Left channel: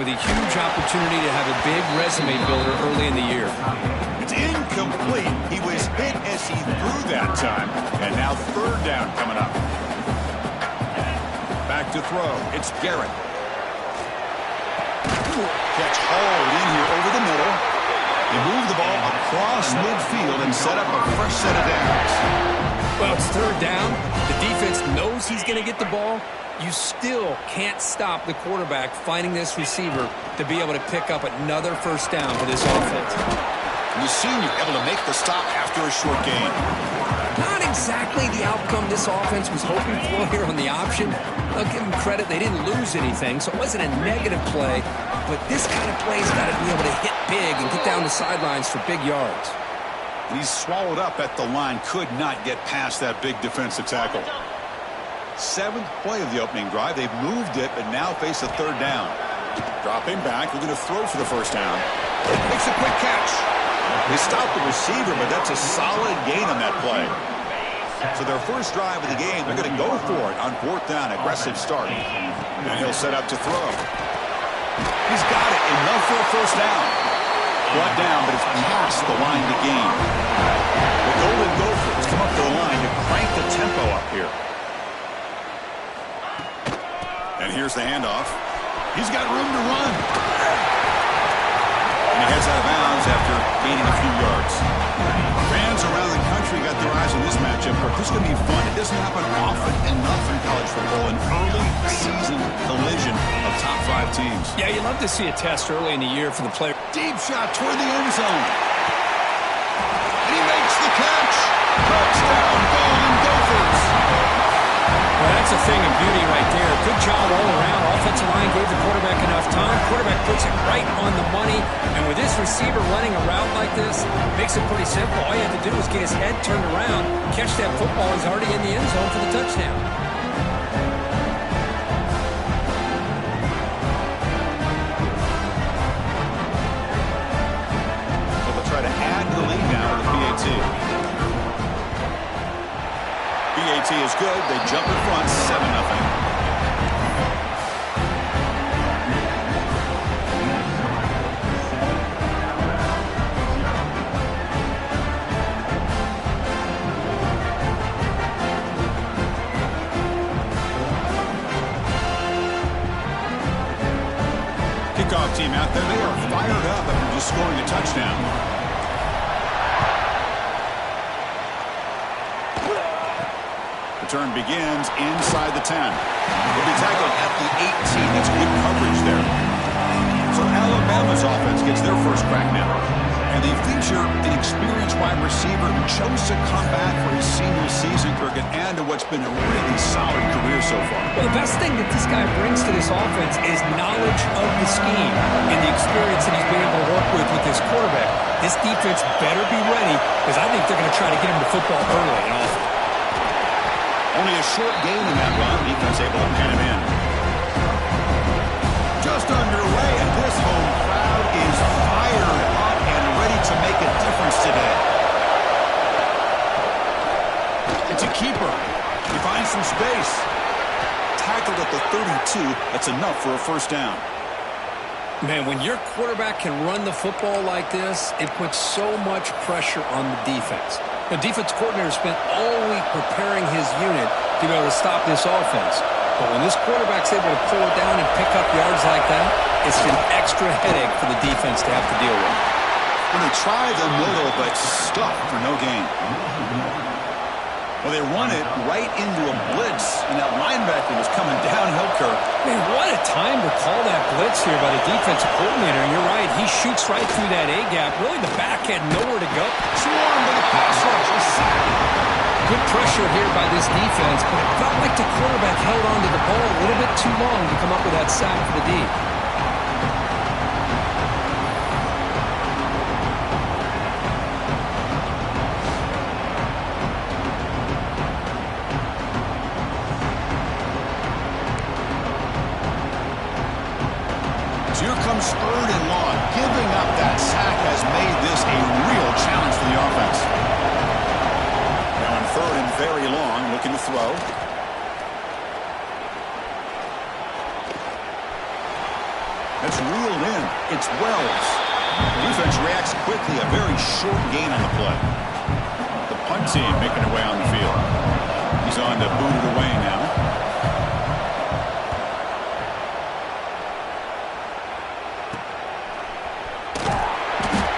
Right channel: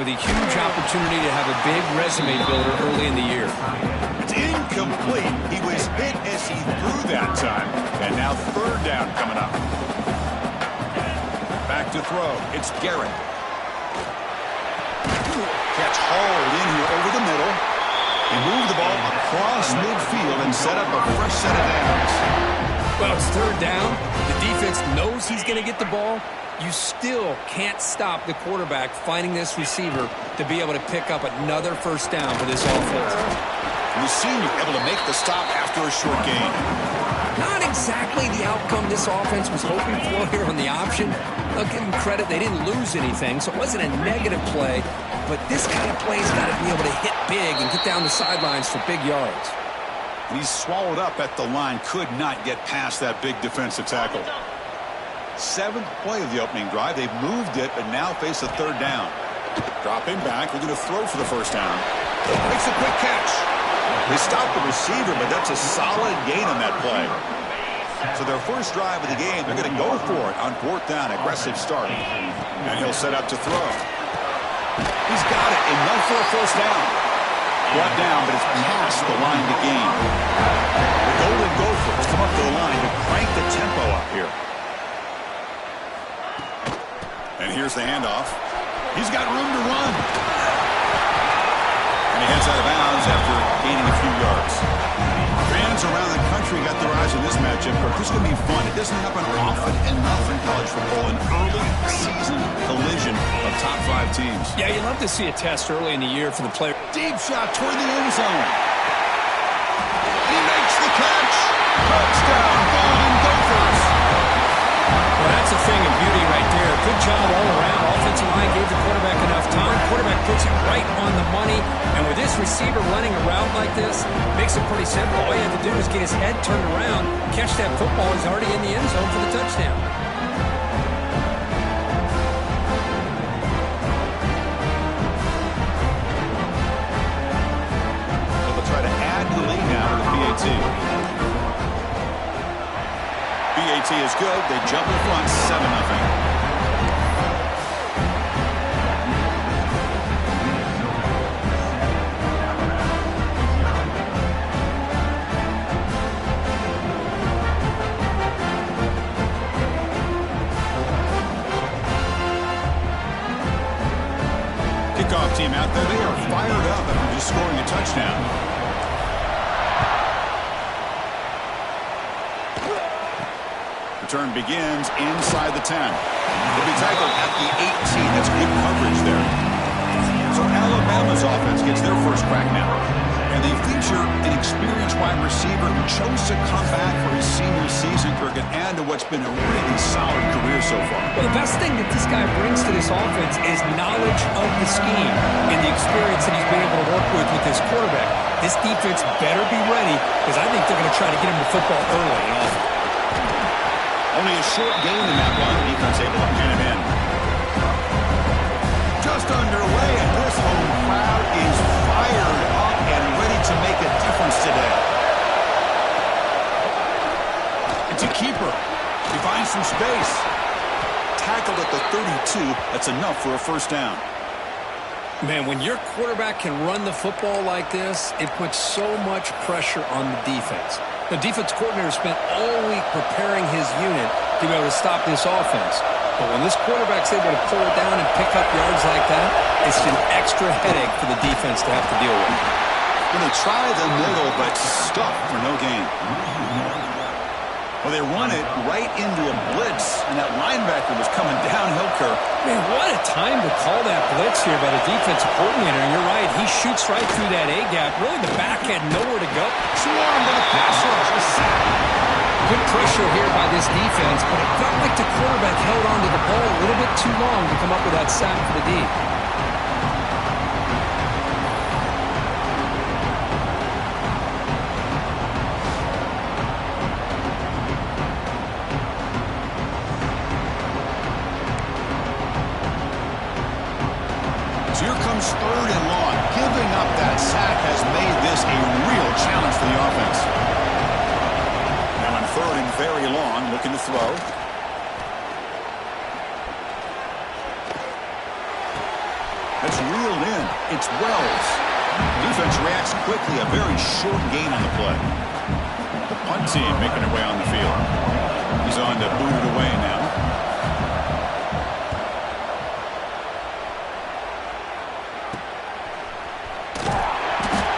with a huge opportunity to have a big resume builder early in the year. It's incomplete. He was hit as he threw that time. And now third down coming up. Back to throw. It's Garrett. Catch hauled in here over the middle. He moved the ball across midfield and set up a fresh set of downs. Well, it's third down. The defense knows he's going to get the ball. You still can't stop the quarterback finding this receiver to be able to pick up another first down for this offense. And the senior able to make the stop after a short gain. Not exactly the outcome this offense was hoping for here on the option. I'll give them credit. They didn't lose anything, so it wasn't a negative play. But this kind of play's got to be able to hit big and get down the sidelines for big yards. And he's swallowed up at the line. Could not get past that big defensive tackle. Seventh play of the opening drive. They've moved it, but now face a third down. Dropping back. We're going to throw for the first down. Makes a quick catch. They stopped the receiver, but that's a solid gain on that play. So their first drive of the game, they're going to go for it on fourth down. Aggressive start. And he'll set up to throw. He's got it. Enough for a first down. Brought down, but it's past the line to gain. The Golden Gophers come up to the line to crank the tempo up here. And here's the handoff. He's got room to run. And he heads out of bounds after gaining a few yards. Fans around the country got their eyes on this matchup, but this is going to be fun. It doesn't happen often enough in college football, an early season collision of top 5 teams. Yeah, you love to see a test early in the year for the player. Deep shot toward the end zone. And he makes the catch. Touchdown, Golden Gophers. Well, that's a thing of beauty right there. Good job all around. Offensive line gave the quarterback enough time. Quarterback puts it right on the money. And with this receiver running a route like this, makes it pretty simple. All you have to do is get his head turned around, catch that football. He's already in the end zone for the touchdown. So they'll try to add to the lead now with the PAT. PAT is good. They jump in front 7-0. Kickoff team out there. They are fired up after just scoring a touchdown. Return begins inside the 10. He'll be tackled at the 18. That's good coverage there. So Alabama's offense gets their first crack now. And they feature an experienced wide receiver who chose to come back for his senior season, Cricket, and to what's been a really solid career so far. Well, the best thing that this guy brings to this offense is knowledge of the scheme and the experience that he's been able to work with this quarterback. This defense better be ready because I think they're going to try to get him the football early and often. Only a short gain in that run. Defense able to pin him in. Just underway, and this home crowd is fired up and ready to make a difference today. It's a keeper. He finds some space. Tackled at the 32. That's enough for a first down. Man, when your quarterback can run the football like this, it puts so much pressure on the defense. The defense coordinator spent all week preparing his unit to be able to stop this offense. But when this quarterback's able to pull it down and pick up yards like that, it's an extra headache for the defense to have to deal with. When they try the middle, but stuck for no gain. Well, they run it right into a blitz, and that linebacker was coming downhill, Kirk. Man, what a time to call that blitz here by the defensive coordinator. And you're right, he shoots right through that A-gap. Really, the back had nowhere to go. Swarmed by the pass rush, a sack. Good pressure here by this defense, but it felt like the quarterback held onto the ball a little bit too long to come up with that sack for the D. Here comes third and long. Giving up that sack has made this a real challenge for the offense. Now in third and very long, looking to throw. That's reeled in. It's Wells. Defense reacts quickly. A very short gain on the play. The punt team making their way on the field. He's on to boot it away now.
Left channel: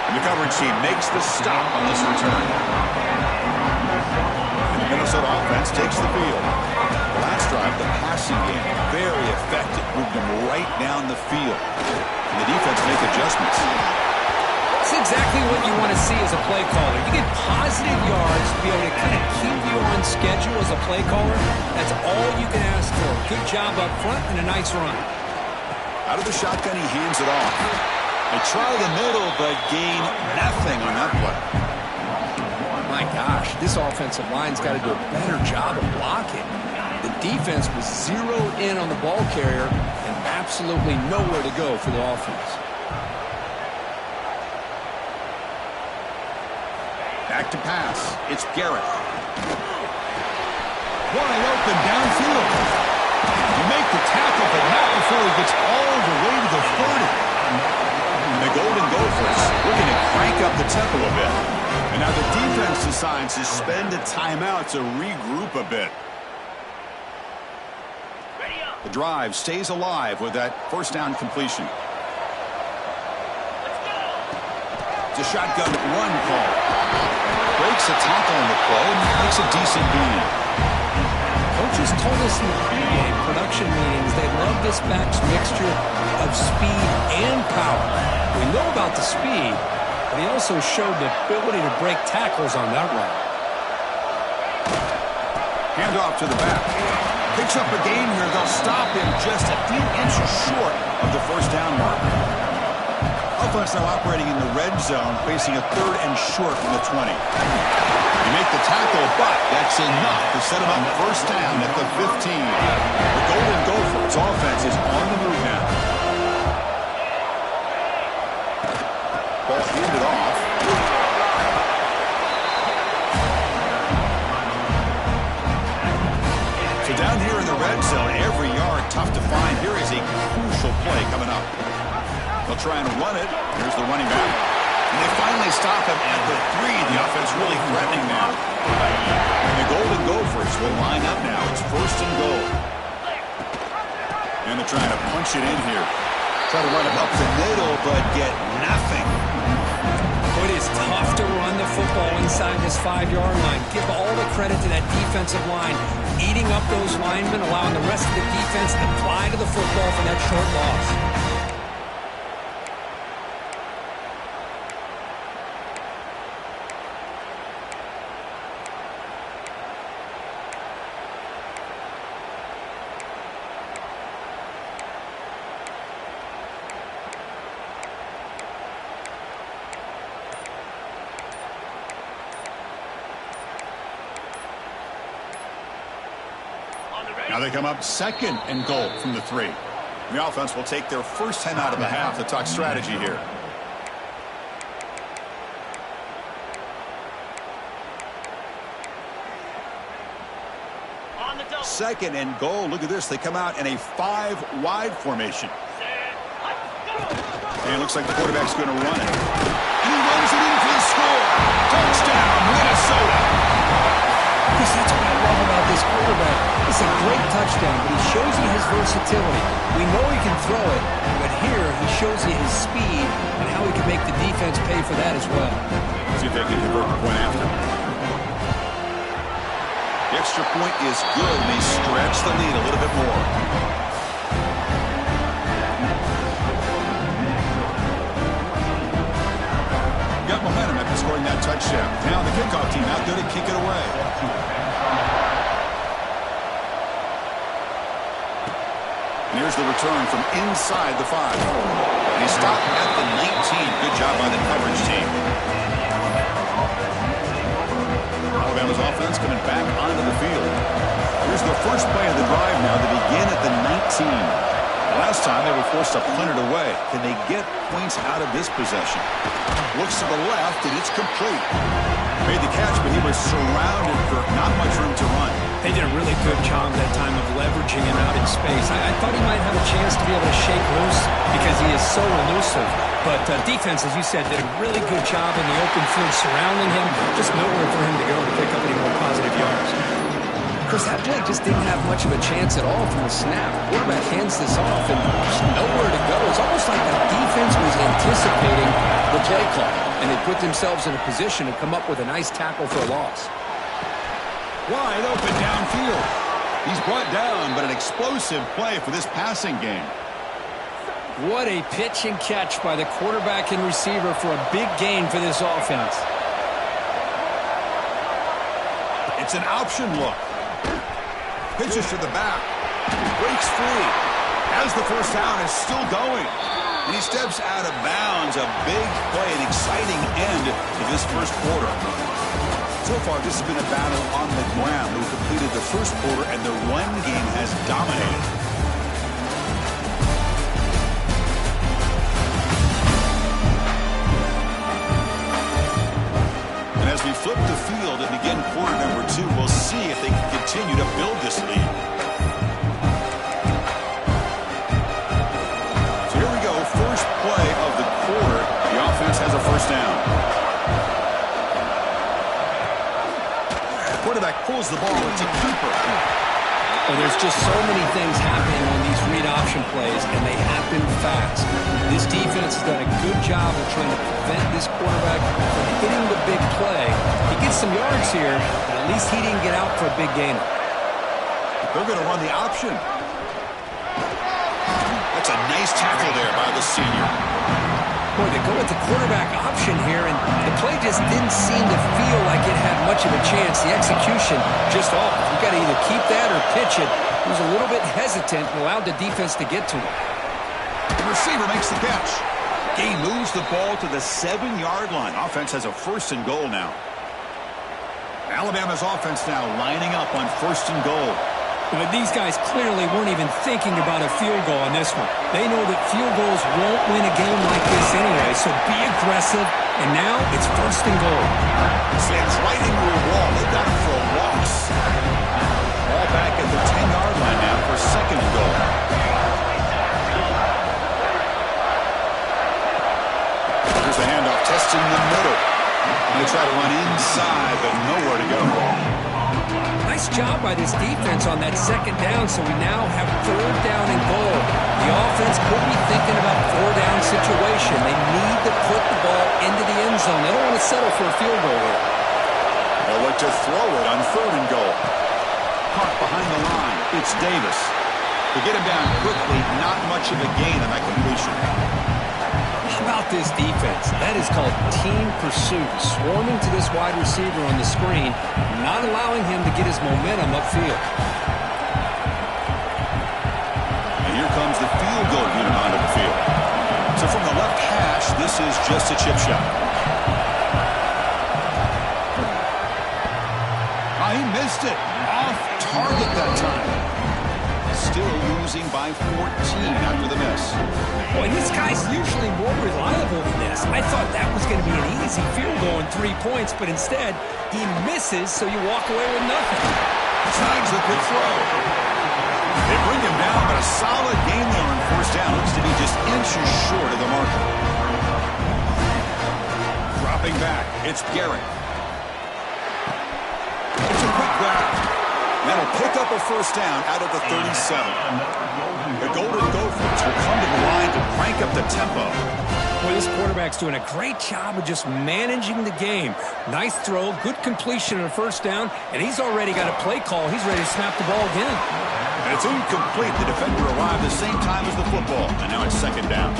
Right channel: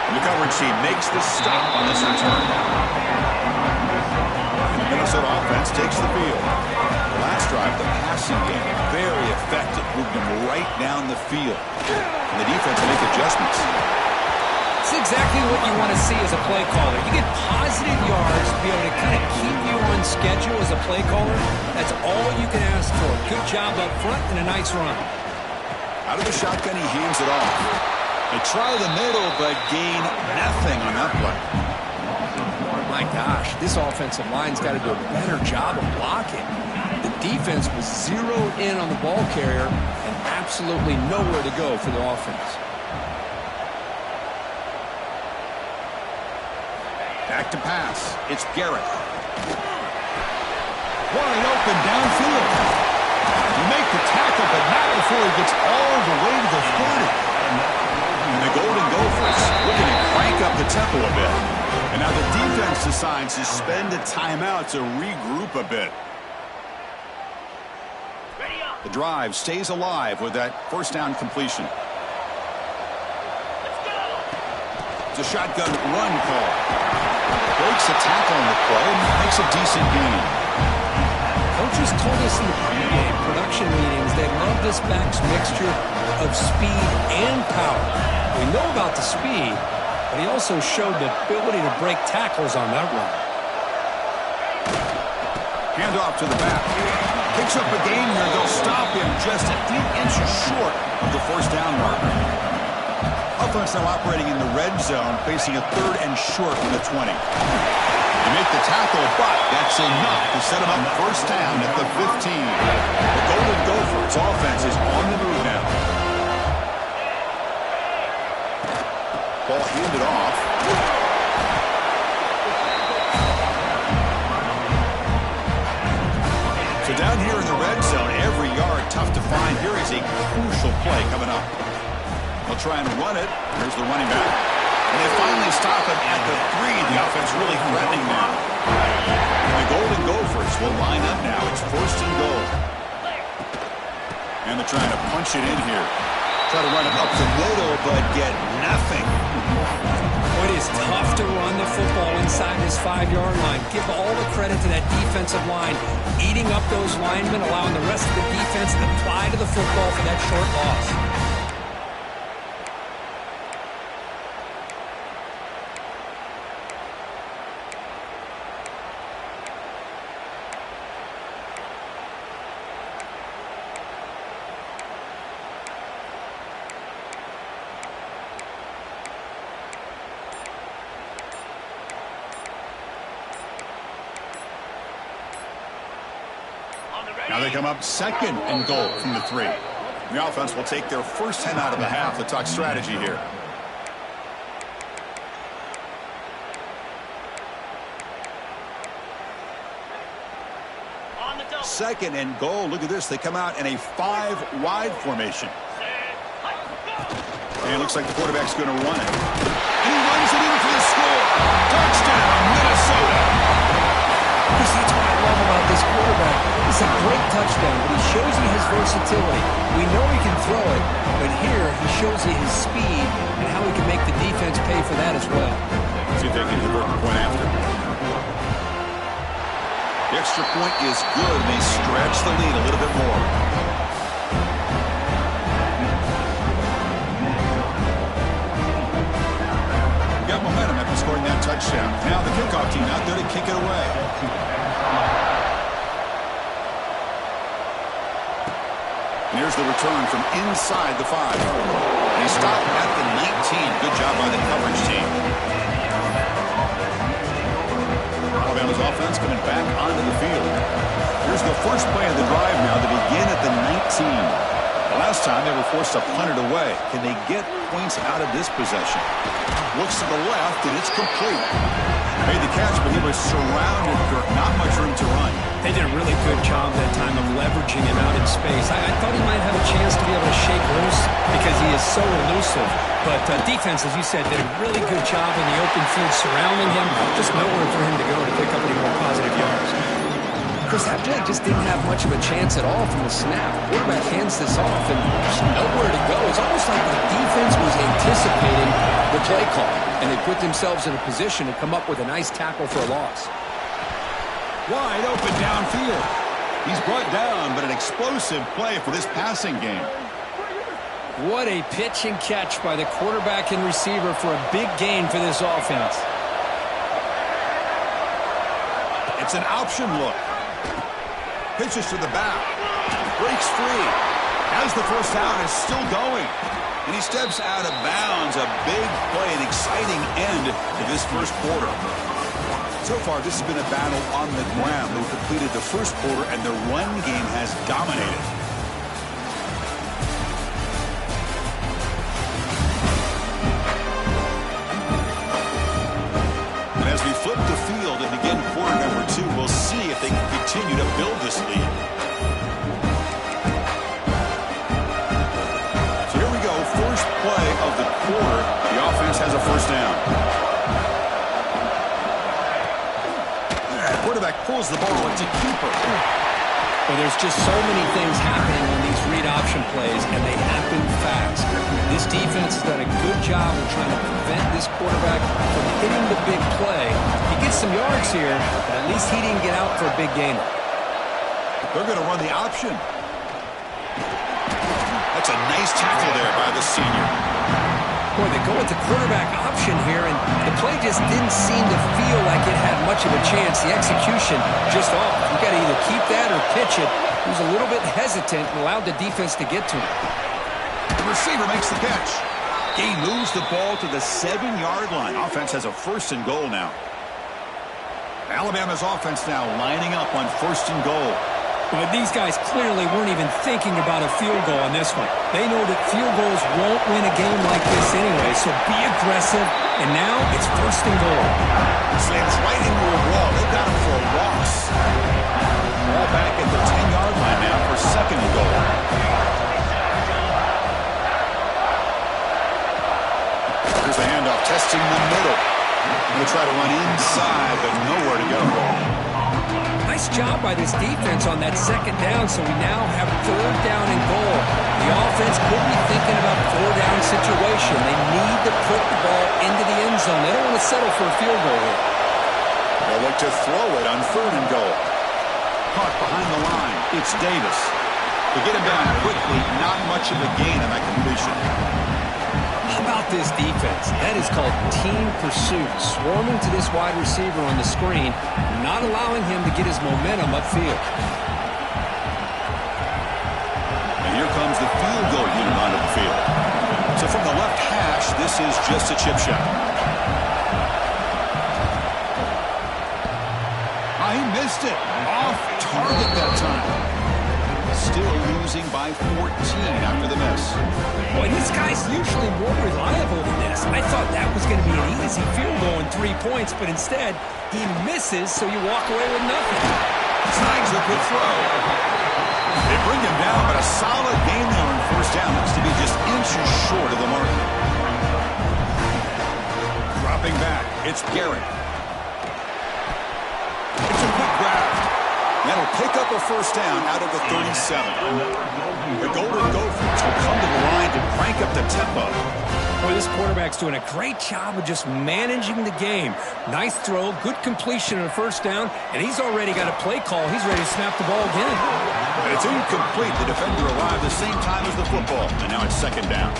And the coverage team makes the stop on this return. And the Minnesota offense takes the field. Last drive, the passing game, very effective. Moved them right down the field. And the defense make adjustments. It's exactly what you want to see as a play caller. You get positive yards to be able to kind of keep you on schedule as a play caller. That's all you can ask for. Good job up front and a nice run. Out of the shotgun, he hands it off. They try the middle, but gain nothing on that play. My gosh, this offensive line's got to do a better job of blocking. The defense was zeroed in on the ball carrier and absolutely nowhere to go for the offense. Back to pass. It's Garrett. Wide open downfield. You make the tackle, but not before he gets all the way to the 30. And the Golden Gophers looking to crank up the tempo a bit. And now the defense decides to spend a timeout to regroup a bit. The drive stays alive with that first down completion. It's a shotgun run call. Breaks a tackle on the play and makes a decent gain. Coaches told us in the pregame production meetings they love this back's mixture of speed and power. We know about the speed, but he also showed the ability to break tackles on that run. Hand off to the back. Picks up a gain here. They'll stop him just a few inches short of the first down marker. Offense now operating in the red zone, facing a 3rd and short from the 20. They make the tackle, but that's enough to set him up first down at the 15. The Golden Gophers offense is on the move now. Ball handed off. So down here in the red zone, every yard tough to find. Here is a crucial play coming up. They'll try and run it. Here's the running back. And they finally stop him at the 3. The offense really threatening now. And the Golden Gophers will line up now. It's 1st and goal. And they're trying to punch it in here. Try to run it up the middle, but get nothing. It is tough to run the football inside this 5-yard line. Give all the credit to that defensive line, eating up those linemen, allowing the rest of the defense to fly to the football for that short loss. Now they come up 2nd and goal from the 3. The offense will take their first 10 out of the half to talk strategy here. On the double. 2nd and goal. Look at this. They come out in a 5-wide formation. And it looks like the quarterback's going to run it. And he runs it in for the score. Touchdown, Minnesota. Because that's what I love about this quarterback. It's a great touchdown, but he shows you his versatility. We know he can throw it, but here he shows you his speed and how he can make the defense pay for that as well. See if they can convert the point after. The extra point is good, and they stretch the lead a little bit more. Got momentum after scoring that touchdown. Now the kickoff team out there to kick it away. And here's the return from inside the 5. And he stopped at the 19. Good job by the coverage team. Alabama's offense coming back onto the field. Here's the first play of the drive now to begin at the 19. The last time they were forced to punt it away. Can they get points out of this possession? Looks to the left, and it's complete. Made the catch, but he was surrounded, Kirk. Not much room to run. They did a really good job that time of leveraging him out in space. I thought he might have a chance to be able to shake loose because he is so elusive. But defense, as you said, did a really good job in the open field surrounding him. Just nowhere for him to go to pick up any more positive yards. Chris, that play just didn't have much of a chance at all from the snap. Quarterback hands this off and there's nowhere to go. It's almost like the defense was anticipating the play call, and they put themselves in a position to come up with a nice tackle for a loss. Wide open downfield. He's brought down, but an explosive play for this passing game. What a pitch and catch by the quarterback and receiver for a big gain for this offense. It's an option look. Pitches to the back. Breaks free. Has the first down, is still going. And he steps out of bounds. A big play, an exciting end to this first quarter. So far, this has been a battle on the ground. They've completed the first quarter, and their run game has dominated. And as we flip the field and begin quarter number 2, we'll see if they can continue to build this lead. So here we go, first play of the quarter. The offense has a first down. Quarterback pulls the ball. It's a keeper. Well, there's just so many things happening on these read option plays, and they happen fast. This defense has done a good job of trying to prevent this quarterback from hitting the big play. He gets some yards here, but at least he didn't get out for a big gainer. They're going to run the option. That's a nice tackle there by the senior. Boy, they go with the quarterback option here, and the play just didn't seem to feel like it had much of a chance. The execution just off. You've got to either keep that or pitch it. He was a little bit hesitant and allowed the defense to get to him. The receiver makes the catch. He moves the ball to the 7-yard line. Offense has a first and goal now. Alabama's offense now lining up on first and goal. But these guys clearly weren't even thinking about a field goal on this one. They know that field goals won't win a game like this anyway, so be aggressive. And now it's first and goal. Slams right into a wall. They got him for a loss. Ball back at the 10-yard line now for second and goal. Here's the handoff, testing the middle. Going to try to run inside, but nowhere to go. Nice job by this defense on that second down, so we now have third down and goal. The offense could be thinking about four-down situation. They need to put the ball into the end zone. They don't want to settle for a field goal here. They'll look to throw it on third and goal. Caught behind the line. It's Davis. To get him down quickly, not much of a gain on that completion. How about this defense? That is called team pursuit. Swarming to this wide receiver on the screen, not allowing him to get his momentum upfield. And here comes the field goal unit onto the field. So from the left hash, this is just a chip shot. He missed it. Off target that time. Still losing by 14 after the miss. Boy, this guy's usually more reliable than this. I thought that was going to be an easy field goal and 3 points, but instead, he misses, so you walk away with nothing. Snags the quick throw. They bring him down, but a solid gain there on first down. Looks to be just inches short of the mark. Dropping back, it's Garrett. It's a quick grab. That'll pick up a first down out of the 37. The Golden Gophers will come to the line to crank up the tempo. Boy, this quarterback's doing a great job of just managing the game. Nice throw, good completion on a first down, and he's already got a play call. He's ready to snap the ball again. And it's incomplete. The defender arrived the same time as the football, and now it's second down.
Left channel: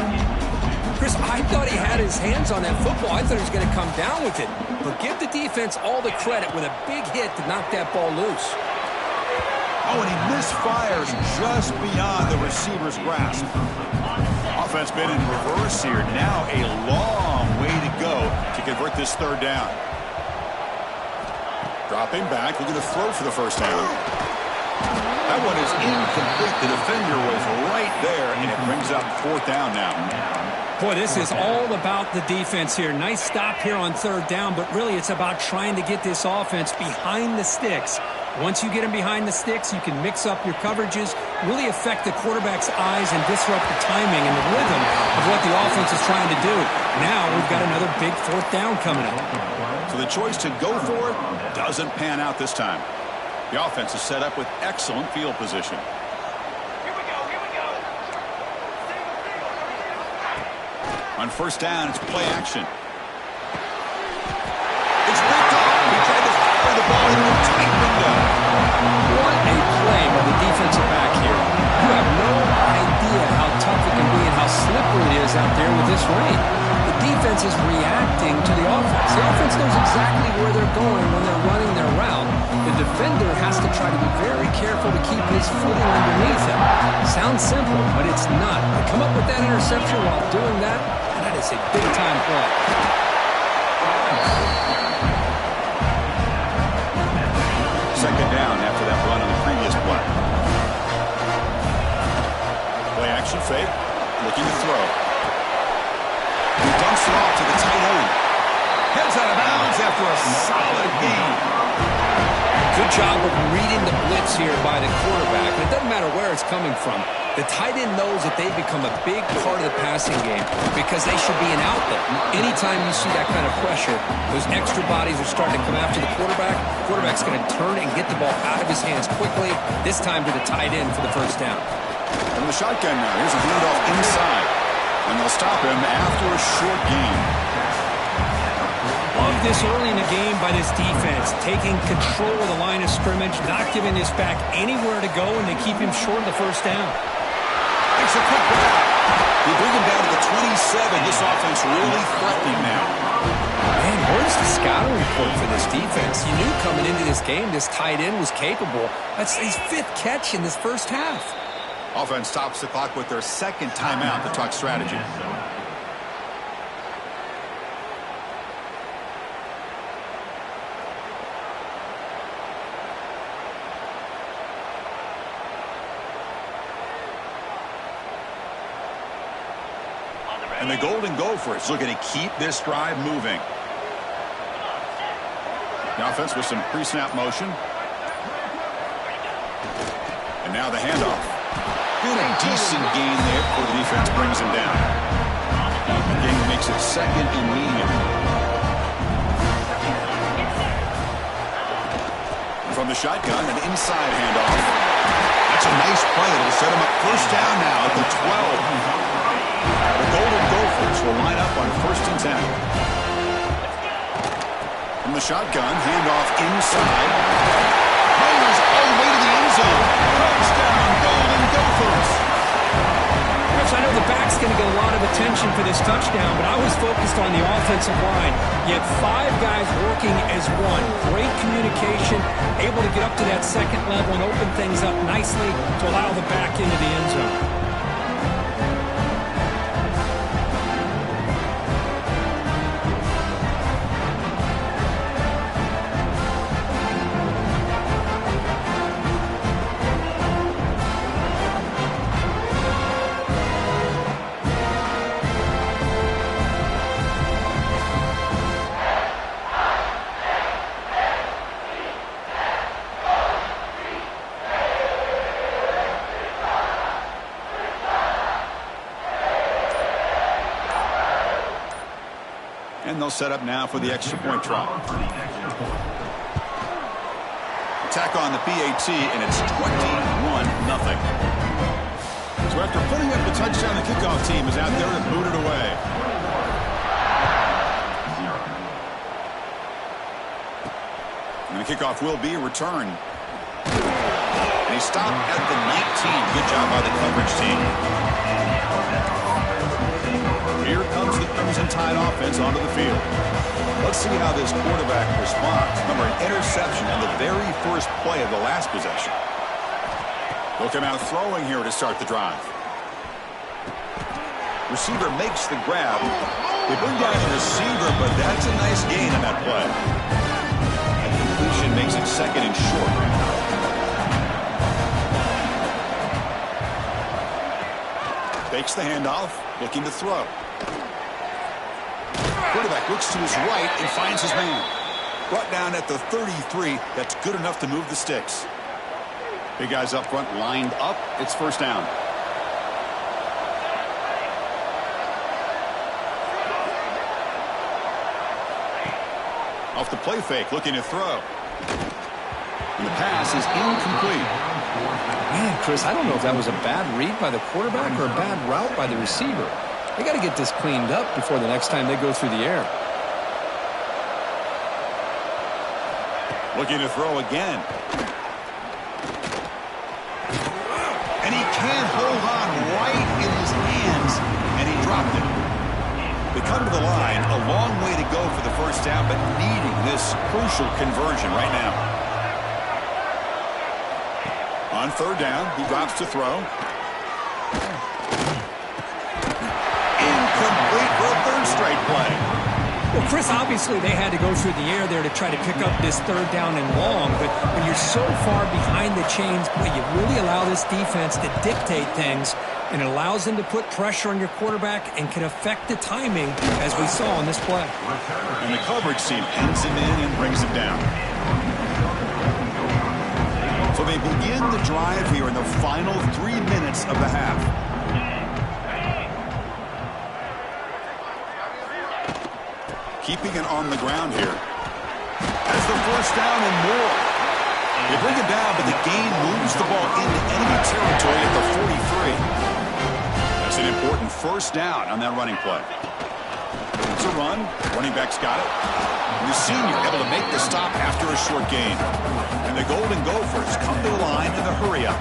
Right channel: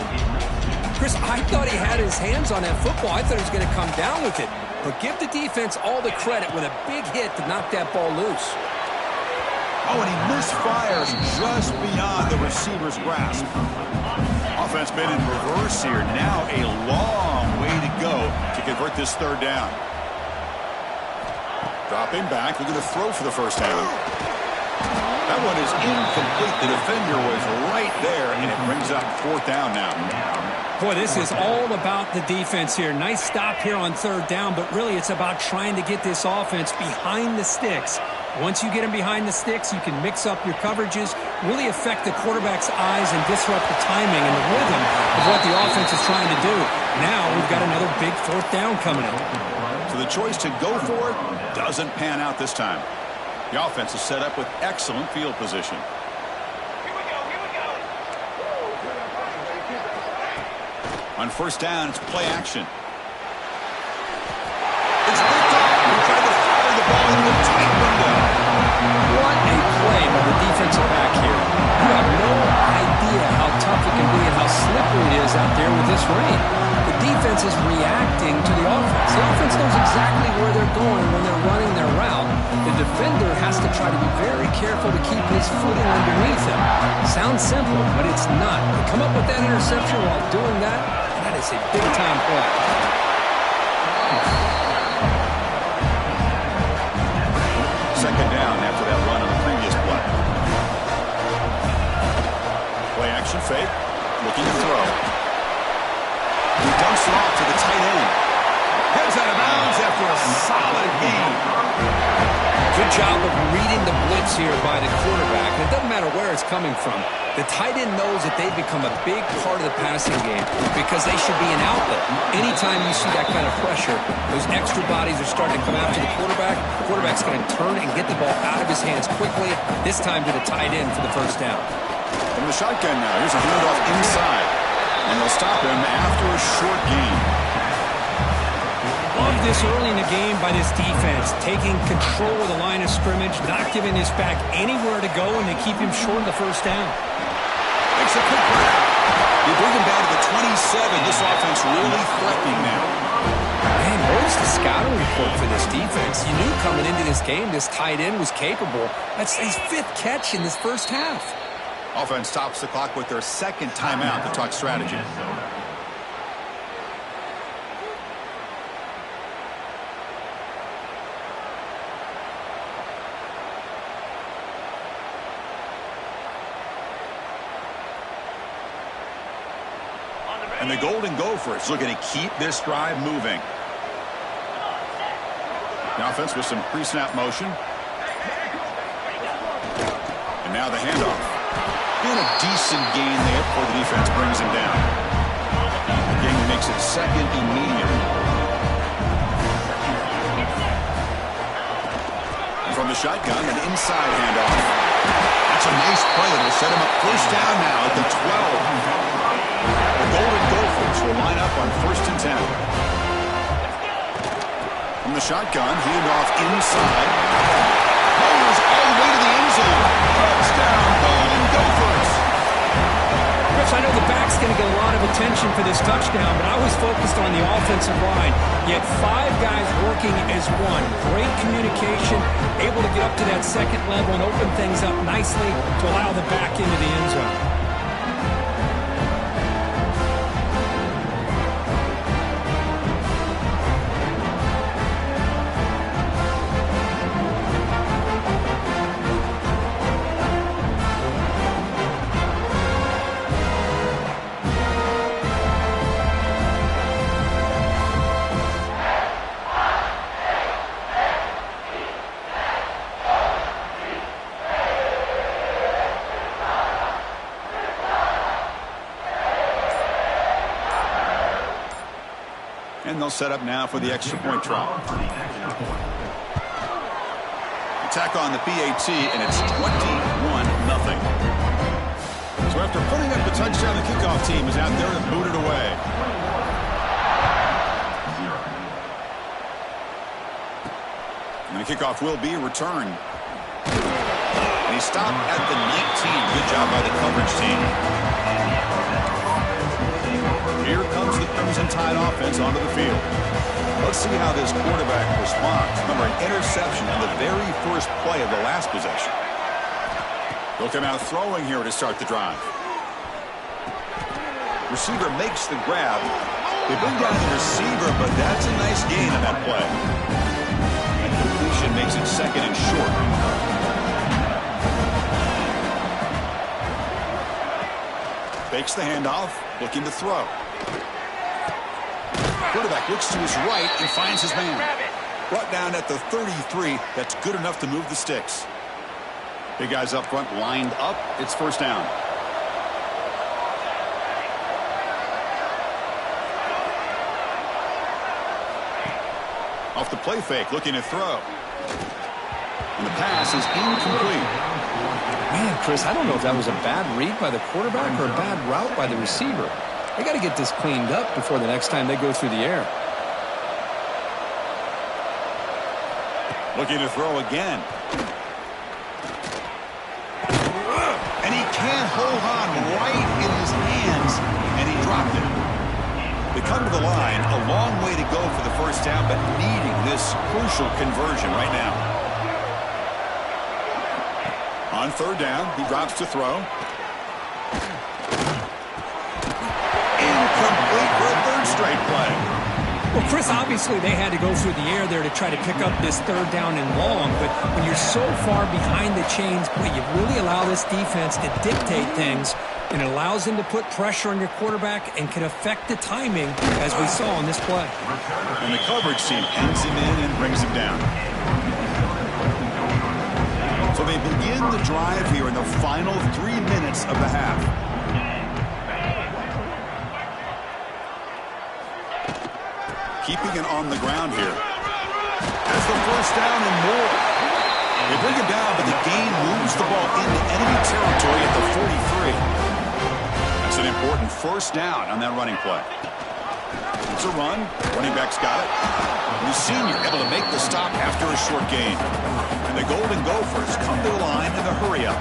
Chris, I thought he had his hands on that football. I thought he was going to come down with it. But give the defense all the credit with a big hit to knock that ball loose. Oh, and he misfires just beyond the receiver's grasp. Offense been in reverse here. Now a long way to go to convert this third down. Dropping back, looking to throw for the first down. That one is incomplete. The defender was right there, and it brings up fourth down now. Boy, this is all about the defense here. Nice stop here on third down, but really it's about trying to get this offense behind the sticks. Once you get them behind the sticks, you can mix up your coverages, really affect the quarterback's eyes and disrupt the timing and the rhythm of what the offense is trying to do. Now we've got another big fourth down coming up. So the choice to go for it doesn't pan out this time. The offense is set up with excellent field position. On first down, it's play action. It's picked off. He tried to fire the ball into a tight window. What a play by the defensive back here. You have no idea how tough it can be and how slippery it is out there with this rain. The defense is reacting to the offense. The offense knows exactly where they're going when they're running their route. The defender has to try to be very careful to keep his footing underneath him. Sounds simple, but it's not. To come up with that interception while doing that, and that is a big-time play. Second down after that run on the previous play. Play action fake. Looking to throw. He dumps it off to the tight end. Heads out of bounds after a solid gain. Good job of reading the blitz here by the quarterback. And it doesn't matter where it's coming from. The tight end knows that they've become a big part of the passing game because they should be an outlet. Anytime you see that kind of pressure, those extra bodies are starting to come after the quarterback. The quarterback's going to turn and get the ball out of his hands quickly, this time to the tight end for the first down. From the shotgun now, here's a handoff inside. And they'll stop him after a short gain. Love this early in the game by this defense, taking control of the line of scrimmage, not giving this back anywhere to go, and they keep him short of the first down. Makes a quick grab. You bring him down to the 27. This offense really threatening now. Man, where's the scouting report for this defense? You knew coming into this game this tight end was capable. That's his fifth catch in this first half. Offense stops the clock with their second timeout to talk strategy. And the Golden Gophers looking to keep this drive moving. The offense with some pre-snap motion. And now the handoff. And a decent gain there before the defense brings him down. The gain makes it second and medium. And from the shotgun, an inside handoff. That's a nice play. It'll set him up first down now at the 12. The Golden Gophers will line up on 1st and 10. From the shotgun, handoff inside. Motors all the way to the end zone. Touchdown, Golden Gophers. Chris, I know the back's going to get a lot of attention for this touchdown, but I was focused on the offensive line. You had 5 guys working as one. Great communication, able to get up to that second level and open things up nicely to allow the back into the end zone. And they'll set up now for the extra point try. Attack on the PAT, and it's 21-0. So after putting up the touchdown, the kickoff team is out there to boot it away. And the kickoff will be returned. And he stopped at the 19. Good job by the coverage team. Here comes the Crimson Tide offense onto the field. Let's see how this quarterback responds. Remember, an interception on the very first play of the last possession. They'll come out throwing here to start the drive. Receiver makes the grab. They bring down the receiver, but that's a nice gain on that play. And completion makes it second and short. Fakes the handoff, looking to throw. Quarterback looks to his right and finds his man. Brought down at the 33. That's good enough to move the sticks. Big guys up front lined up. It's first down. Off the play fake, looking to throw. And the pass is incomplete. Man, Chris, I don't know if that was a bad read by the quarterback or a bad route by the receiver. They got to get this cleaned up before the next time they go through the air. Looking to throw again. And he can't hold on right in his hands, and he dropped it. They come to the line, a long way to go for the first down, but needing this crucial conversion right now. On third down, he drops to throw. Incomplete for a third straight play. Well, Chris, obviously they had to go through the air there to try to pick up this third down and long, but when you're so far behind the chains, boy, you really allow this defense to dictate things, and it allows them to put pressure on your quarterback and can affect the timing, as we saw on this play. And the coverage team pins him in and brings him down. So they begin the drive here in the final 3 minutes of the half. Keeping it on the ground here. That's the first down and more. They bring it down, but the gain moves the ball into enemy territory at the 43. That's an important first down on that running play. It's a run. Running back's got it. And the senior able to make the stop after a short gain. And the Golden Gophers come to the line in the hurry-up.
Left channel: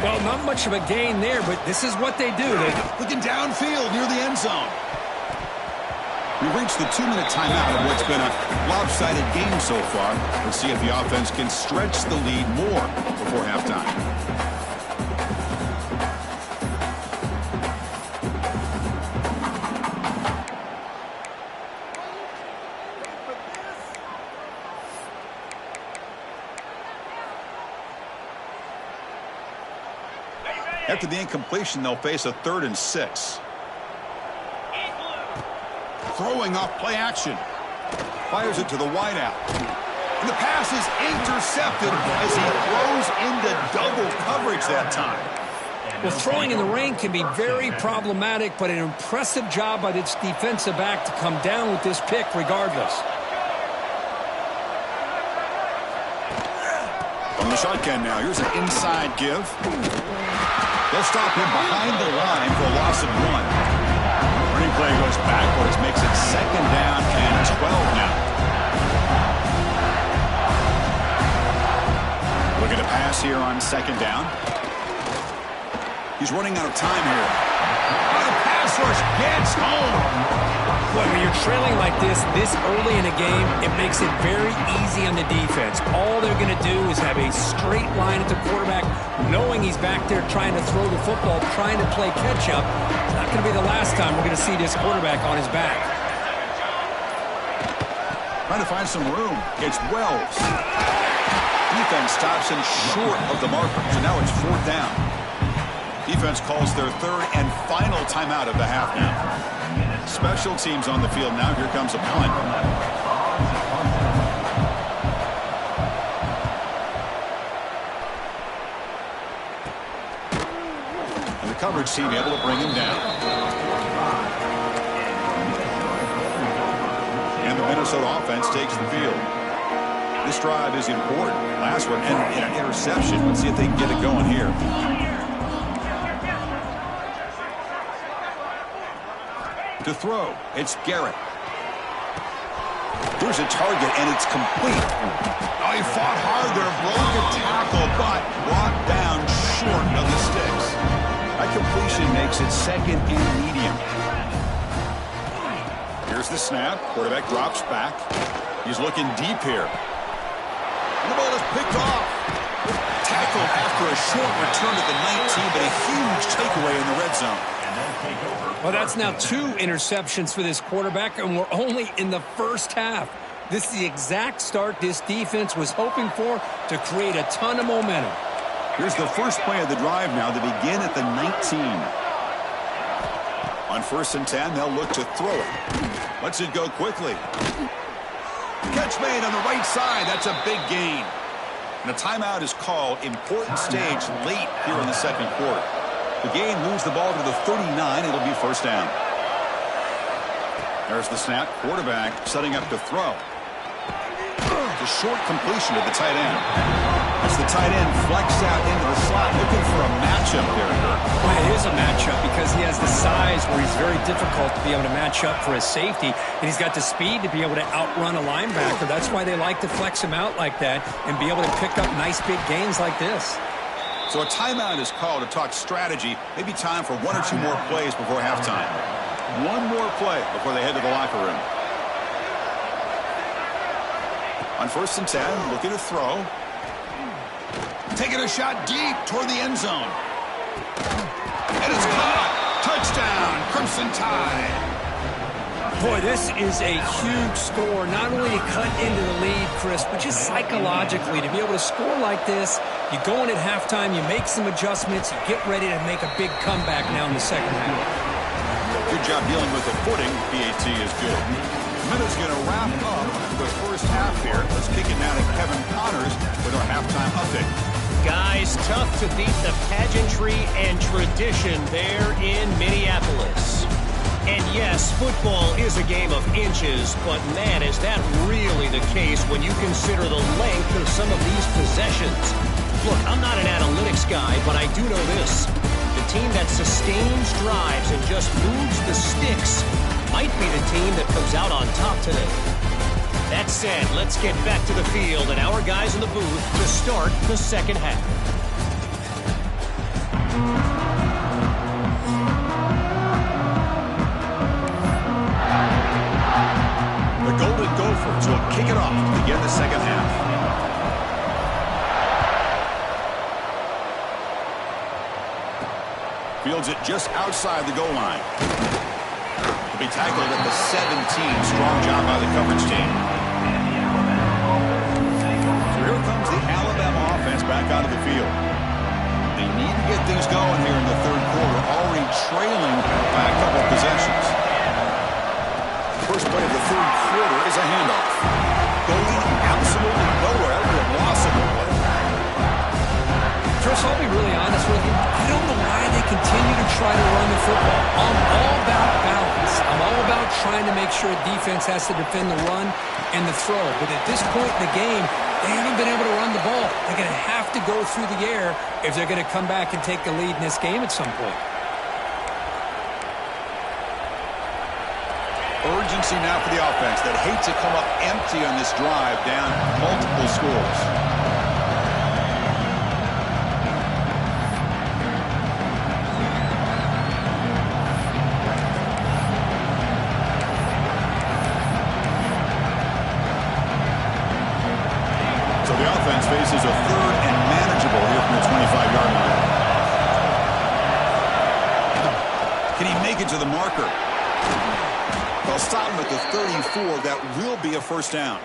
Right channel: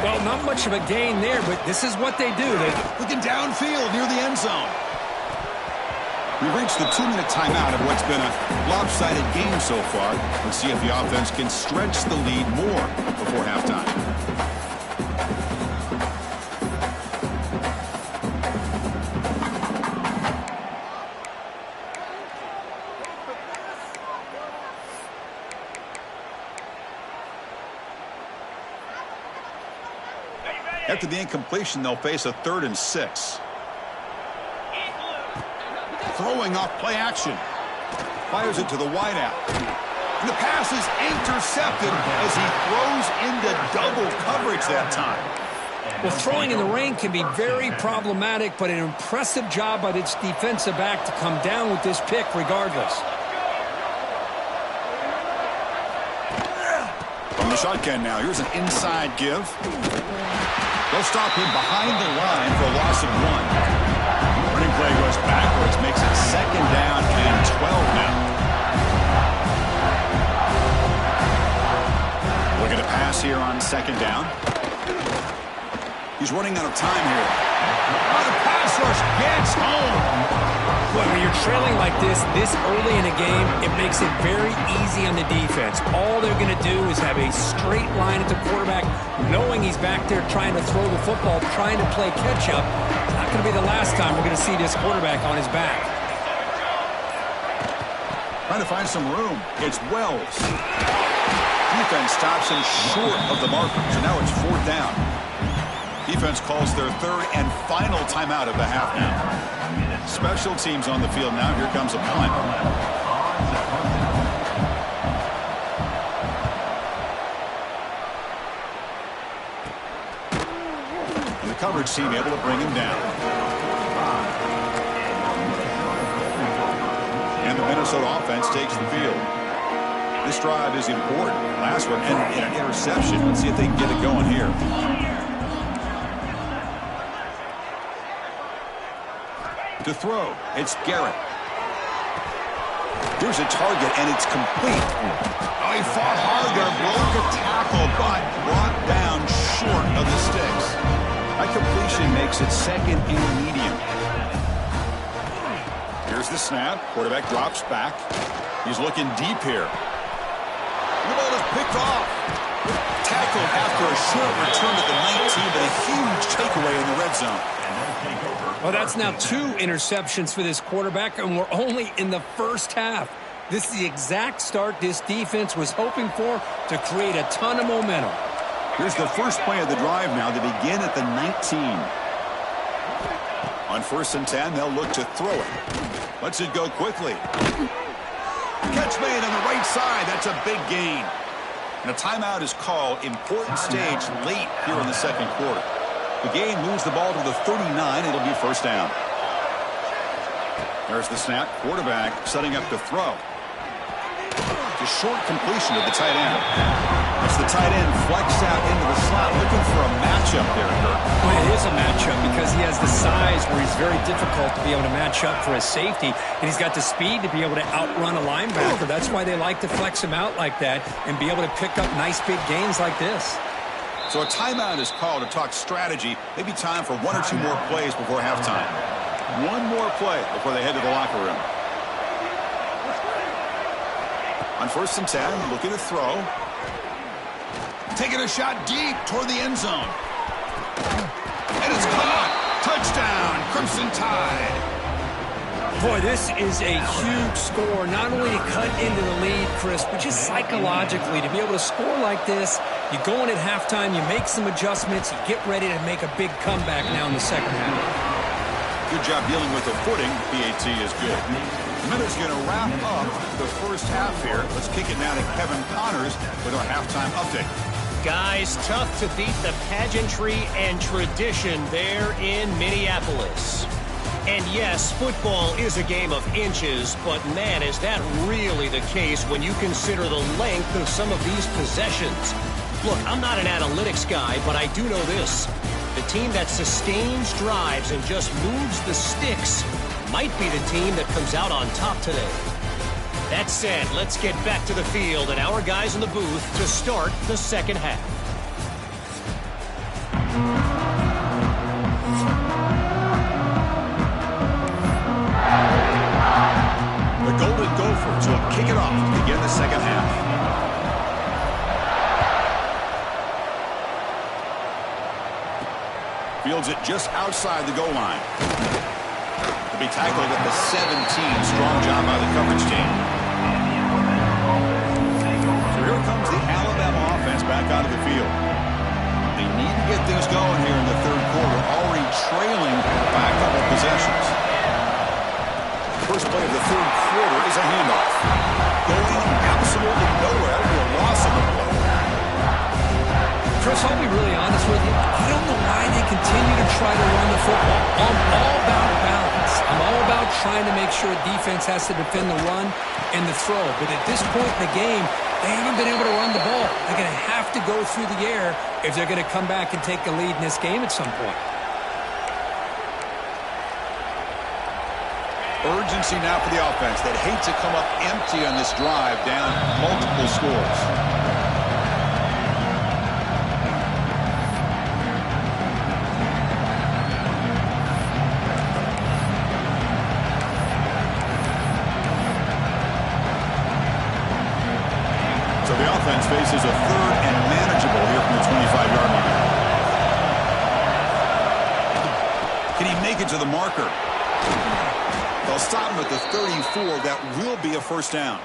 Well, not much of a gain there, but this is what they do. Looking downfield near the end zone. We've reached the 2-minute timeout of what's been a lopsided game so far. Let's see if the offense can stretch the lead more before halftime. After the incompletion, they'll face a 3rd and 6. Throwing off play action. Fires it to the wideout. And the pass is intercepted as he throws into double coverage that time. Well, throwing in the rain can be very problematic, but an impressive job by this defensive back to come down with this pick regardless. From the shotgun now, here's an inside give. They'll stop him behind the line for a loss of 1. Running play goes backwards, makes it 2nd down and 12 now. Look at a pass here on 2nd down. He's running out of time here. Oh, the pass rush gets home. Boy, when you're trailing like this early in a game, it makes it very easy on the defense. All they're going to do is have a straight line at the quarterback, knowing he's back there trying to throw the football, trying to play catch-up. It's not going to be the last time we're going to see this quarterback on his back. Trying to find some room. It's Wells. Defense stops him short of the marker, so now it's 4th down. Defense calls their 3rd and final timeout of the half now. Special teams on the field now. Here comes a punt. And the coverage team able to bring him down. And the Minnesota offense takes the field. This drive is important. Last one, and an interception. Let's see if they can get it going here. To throw, it's Garrett. There's a target, and it's complete. Oh, he fought hard there, broke a tackle, but brought down short of the sticks. That completion makes it 2nd and medium. Here's the snap. Quarterback drops back. He's looking deep here. And the ball is picked off. Tackled after a short return to the 19, but a huge takeaway in the red zone. Well, that's now 2 interceptions for this quarterback, and we're only in the first half. This is the exact start this defense was hoping for to create a ton of momentum. Here's the first play of the drive now. They begin at the 19. On 1st and 10, they'll look to throw it. Lets it go quickly. Catch made on the right side. That's a big gain. And a timeout is called. Important stage late here in the second quarter. The game moves the ball to the 39. It'll be 1st down. There's the snap. Quarterback setting up to throw. It's a short completion to the tight end. As the tight end flexed out into the slot, looking for a matchup there, Kirk. Well, it is a matchup because he has the size where he's very difficult to be able to match up for his safety, and he's got the speed to be able to outrun a linebacker. That's why they like to flex him out like that and be able to pick up nice big gains like this. So a timeout is called to talk strategy. Maybe time for 1 or 2 more plays before halftime. 1 more play before they head to the locker room. On 1st and 10, looking to throw. Taking a shot deep toward the end zone. And it's caught. Touchdown, Crimson Tide. Boy, this is a huge score, not only to cut into the lead, Chris, but just psychologically to be able to score like this. You go in at halftime, you make some adjustments, you get ready to make a big comeback now in the second half. Good job dealing with the footing. PAT is good. Minute's going to wrap up the first half here. Let's kick it now to Kevin Connors with our halftime update. Guys, tough to beat the pageantry and tradition there in Minneapolis. And yes, football is a game of inches, but man, is that really the case when you consider the length of some of these possessions. Look, I'm not an analytics guy, but I do know this. The team that sustains drives and just moves the sticks might be the team that comes out on top today. That said, let's get back to the field and our guys in the booth to start the second half. The Golden Gophers will kick it off to begin the second half. Fields it just outside the goal line. To be tackled at the 17. Strong job by the coverage team. So here comes the Alabama offense back out of the field. They need to get things going here in the third quarter, already trailing by a couple possessions. First play of the third quarter is a handoff. Going absolutely nowhere. It'll be a loss of the play. Chris, I'll be really honest with you. I don't know why they continue to try to run the football. I'm all about balance. I'm all about trying to make sure a defense has to defend the run and the throw. But at this point in the game, they haven't been able to run the ball. They're going to have to go through the air if they're going to come back and take the lead in this game at some point. Urgency now for the offense that hate to come up empty on this drive, down multiple scores. So the offense faces a third and manageable here from the 25-yard line. Can he make it to the marker? They'll stop him at the 34. That will be a first down.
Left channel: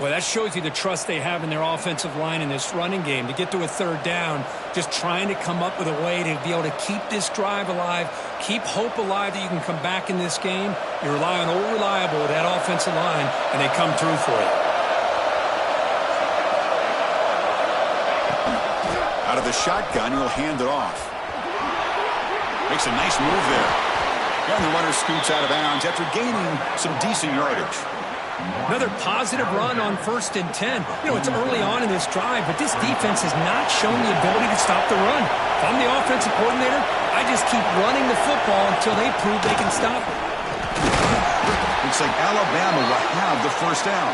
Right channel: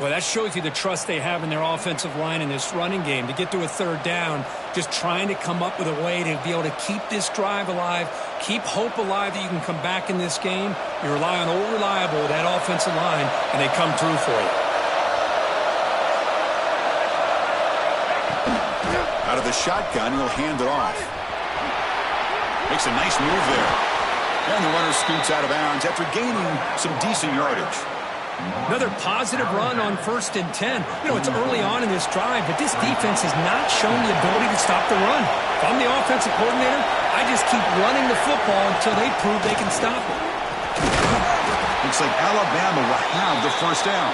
Well, that shows you the trust they have in their offensive line in this running game. To get to a third down, just trying to come up with a way to be able to keep this drive alive, keep hope alive that you can come back in this game. You rely on Old Reliable with that offensive line, and they come through for you. Out of the shotgun, he'll hand it off. Makes a nice move there. And the runner scoots out of bounds after gaining some decent yardage. Another positive run on 1st and 10. You know, it's early on in this drive, but this defense has not shown the ability to stop the run. If I'm the offensive coordinator, I just keep running the football until they prove they can stop it. Looks like Alabama will have the first down.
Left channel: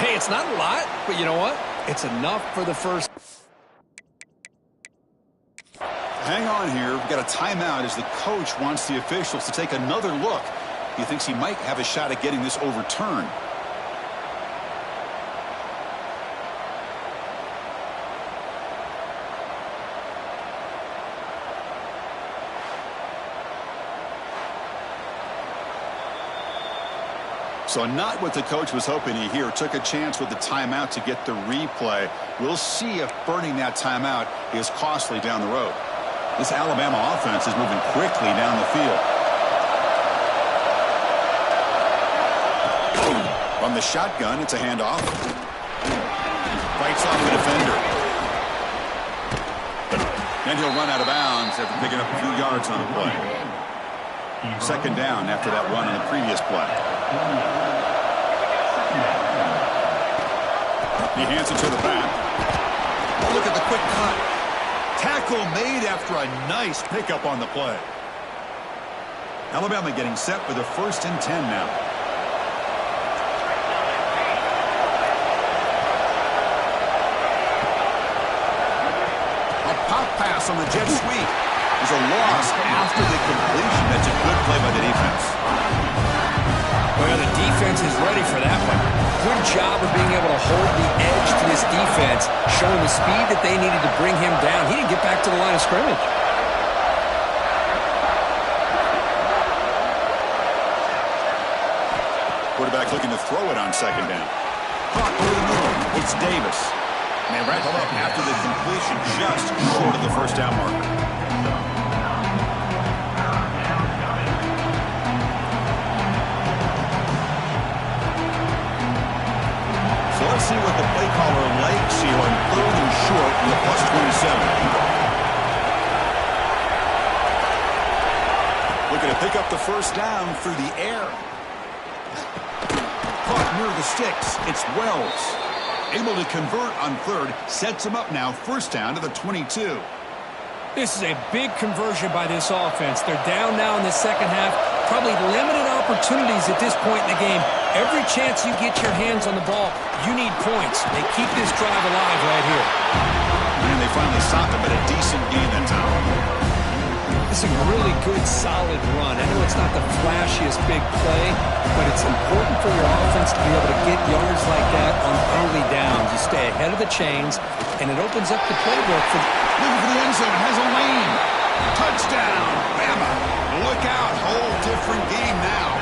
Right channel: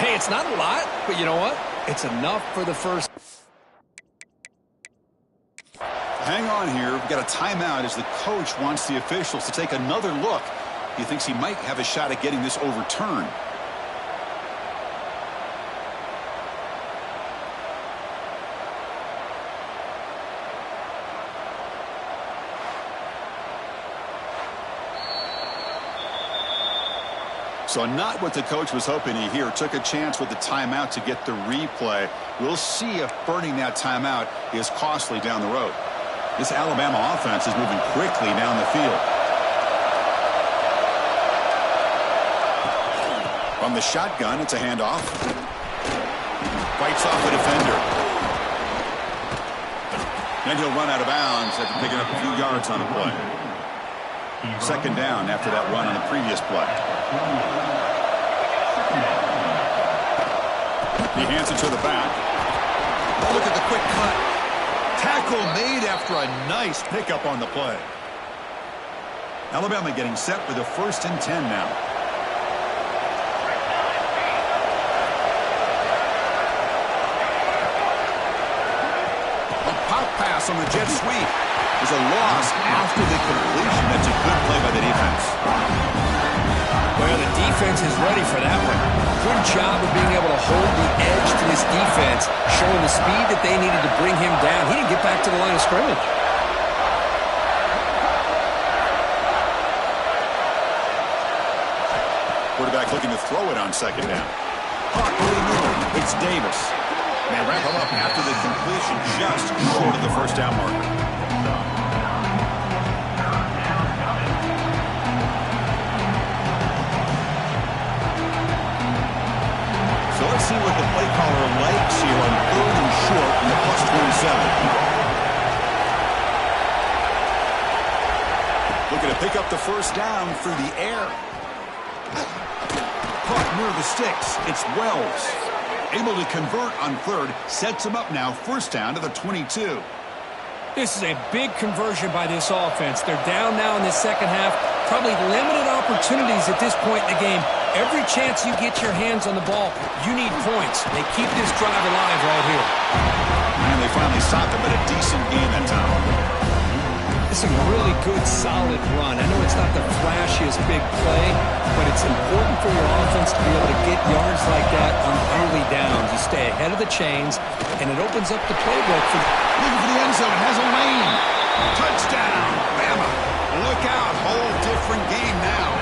Hey, it's not a lot, but you know what? It's enough for the first. Hang on here. We've got a timeout as the coach wants the officials to take another look. He thinks he might have a shot at getting this overturned. So not what the coach was hoping to hear. Took a chance with the timeout to get the replay. We'll see if burning that timeout is costly down the road. This Alabama offense is moving quickly down the field. From the shotgun, it's a handoff. Fights off a defender. Then he'll run out of bounds after picking up a few yards on the play. Second down after that run on the previous play. He hands it to the back. Oh, look at the quick cut. Tackle made after a nice pickup on the play. Alabama getting set with a 1st and 10 now. A pop pass on the jet sweep. There's a loss after the completion. That's a good play by the defense. Well, the defense is ready for that one. Good job of being able to hold the edge to this defense, showing the speed that they needed to bring him down. He didn't get back to the line of scrimmage. Quarterback looking to throw it on second down. Hot early move. It's Davis. And they wrap him up after the completion, just short of the first down marker. So let's see what the play caller likes here on 3rd and short in the +27. Looking to pick up the first down through the air. Caught near the sticks. It's Wells. Able to convert on 3rd. Sets him up now. First down to the 22. This is a big conversion by this offense. They're down now in the second half. Probably limited opportunities at this point in the game. Every chance you get your hands on the ball, you need points. They keep this drive alive right here. And they finally stopped him, but a decent gain that time. It's a really good, solid run. I know it's not the flashiest big play, but it's important for your offense to be able to get yards like that on early downs. You stay ahead of the chains, and it opens up the playbook for looking for the end zone. Has a lane. Touchdown, Bama. Look out. Whole different game now.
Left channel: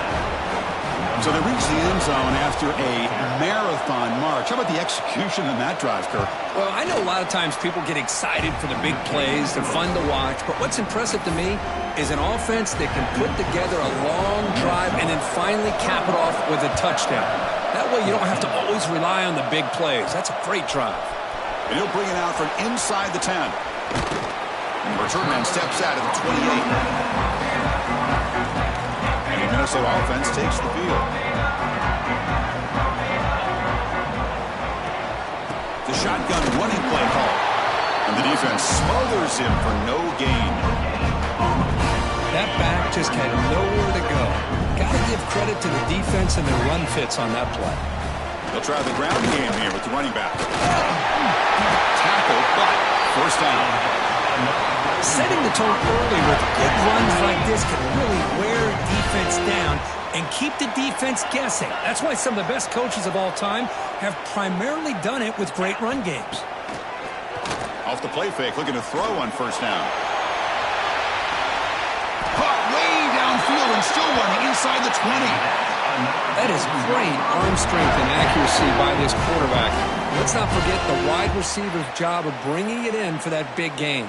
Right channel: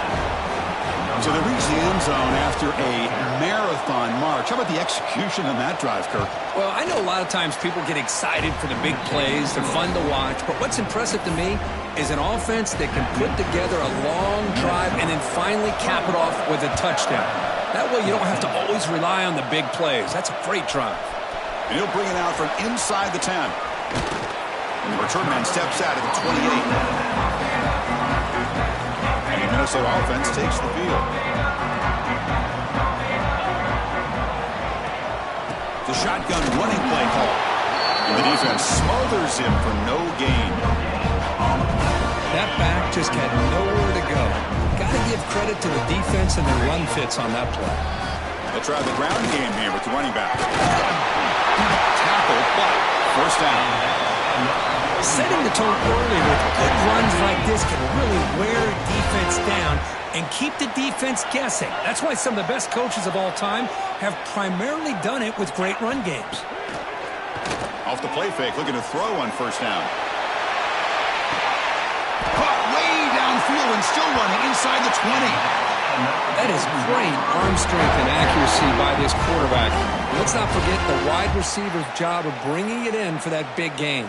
So they reach the end zone after a marathon march. How about the execution on that drive, Kirk? Well, I know a lot of times people get excited for the big plays. They're fun to watch. But what's impressive to me is an offense that can put together a long drive and then finally cap it off with a touchdown. That way you don't have to always rely on the big plays. That's a great drive. And he'll bring it out from inside the 10. And the return man steps out at the 28. And the Minnesota offense takes the field. The shotgun running play call. And the defense smothers him for no gain. That back just had nowhere to go. Got to give credit to the defense and their run fits on that play. They'll try the ground game here with the running back. Tackle, but first down. Setting the tone early with good runs like this can really wear a defense down and keep the defense guessing. That's why some of the best coaches of all time have primarily done it with great run games. Off the play fake, looking to throw on first down. Caught way downfield and still running inside the 20. That is great arm strength and accuracy by this quarterback. Let's not forget the wide receiver's job of bringing it in for that big gain.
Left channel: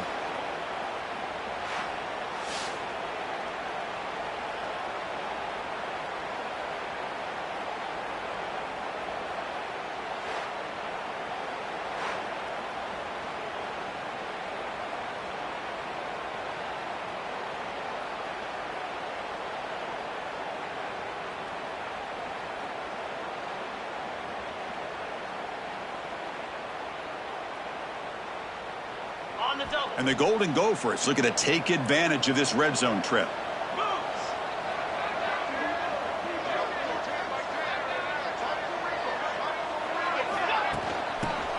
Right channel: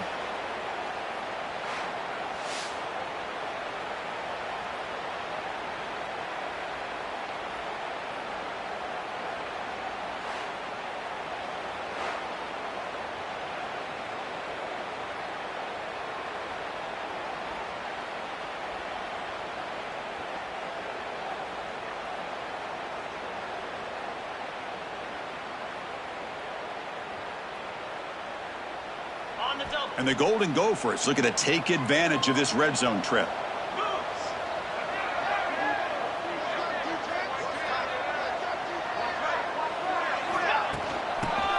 And the Golden Gophers looking to take advantage of this red zone trip.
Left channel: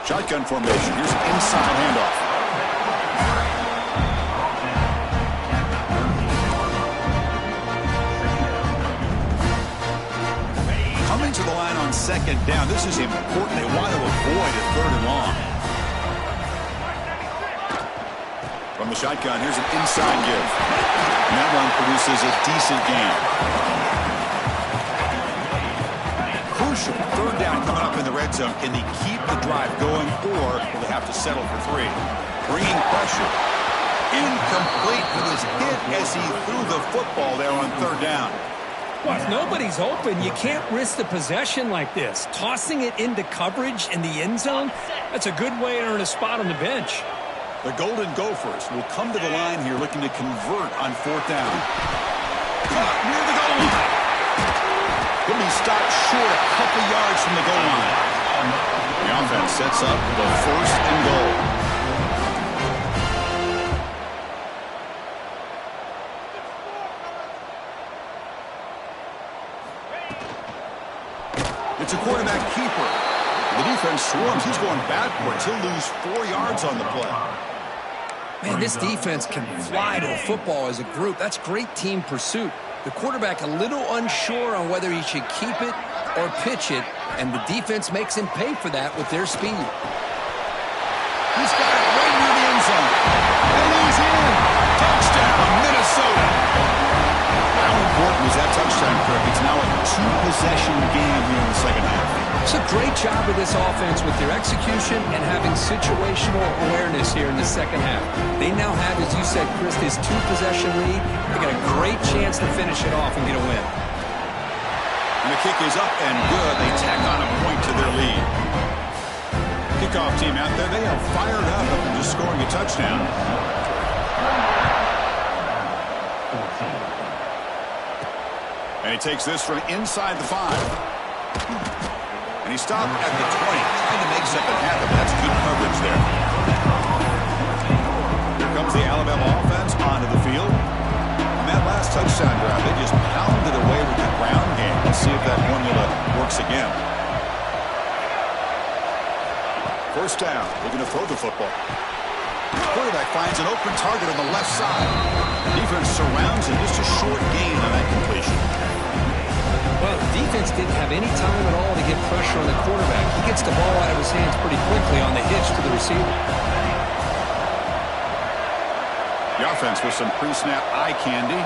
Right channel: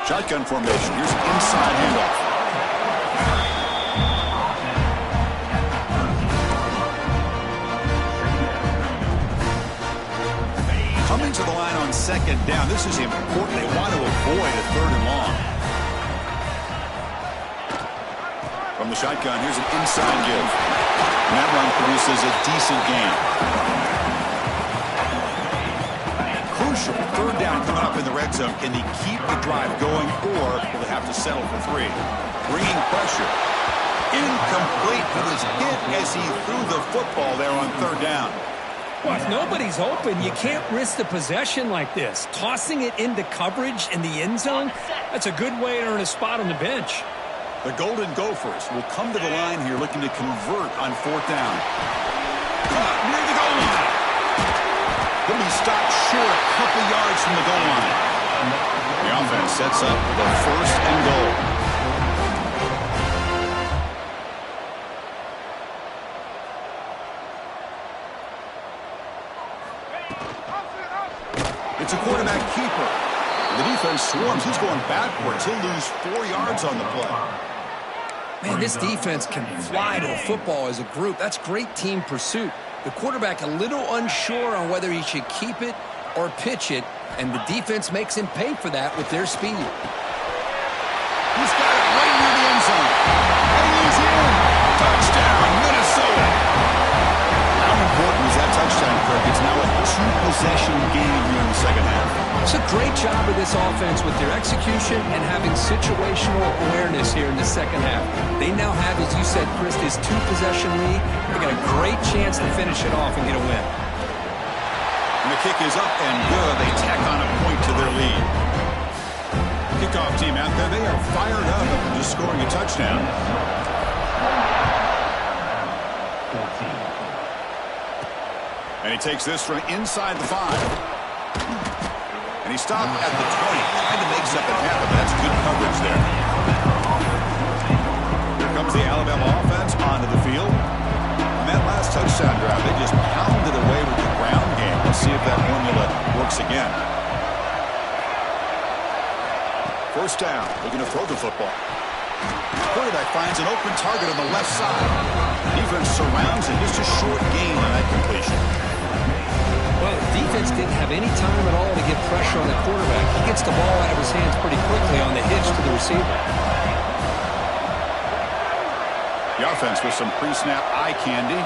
Shotgun formation. Here's an inside handoff. Coming to the line on second down. This is important. They want to avoid a 3rd and long. From the shotgun, here's an inside give. And that run produces a decent gain. Crucial 3rd down coming up in the red zone. Can they keep the drive going, or will they have to settle for 3? Bringing pressure. Incomplete. He was hit as he threw the football there on third down. Well, if nobody's open, you can't risk the possession like this. Tossing it into coverage in the end zone, that's a good way to earn a spot on the bench. The Golden Gophers will come to the line here looking to convert on fourth down. Caught near the goal line. He'll be stopped short a couple yards from the goal line. The offense sets up the first and goal. It's a quarterback keeper. The defense swarms. He's going backwards. He'll lose 4 yards on the play. Man, this defense can fly to the football as a group. That's great team pursuit. The quarterback a little unsure on whether he should keep it or pitch it, and the defense makes him pay for that with their speed. He's got it right near the end zone. And he's in. Touchdown, Minnesota. How important was that touchdown, Kirk? It's now a two-possession game here in the second half. It's a great job of this offense with their execution and having situational awareness here in the second half. They now have, as you said, Chris, this two-possession lead. They got a great chance to finish it off and get a win. And the kick is up and good. They tack on a point to their lead. Kickoff team out there, they are fired up after just scoring a touchdown. And he takes this from inside the 5. And he stopped at the 20, trying to make something happen, but that's good coverage there. Here comes the Alabama offense onto the field. On that last touchdown drive, they just pounded away with the ground game. Let's see if that formula works again. First down, looking to throw the football. Quarterback finds an open target on the left side. Defense surrounds him, just a short gain on that completion. Well, the defense didn't have any time at all to get pressure on the quarterback. He gets the ball out of his hands pretty quickly on the hitch to the receiver. The offense with some pre-snap eye candy.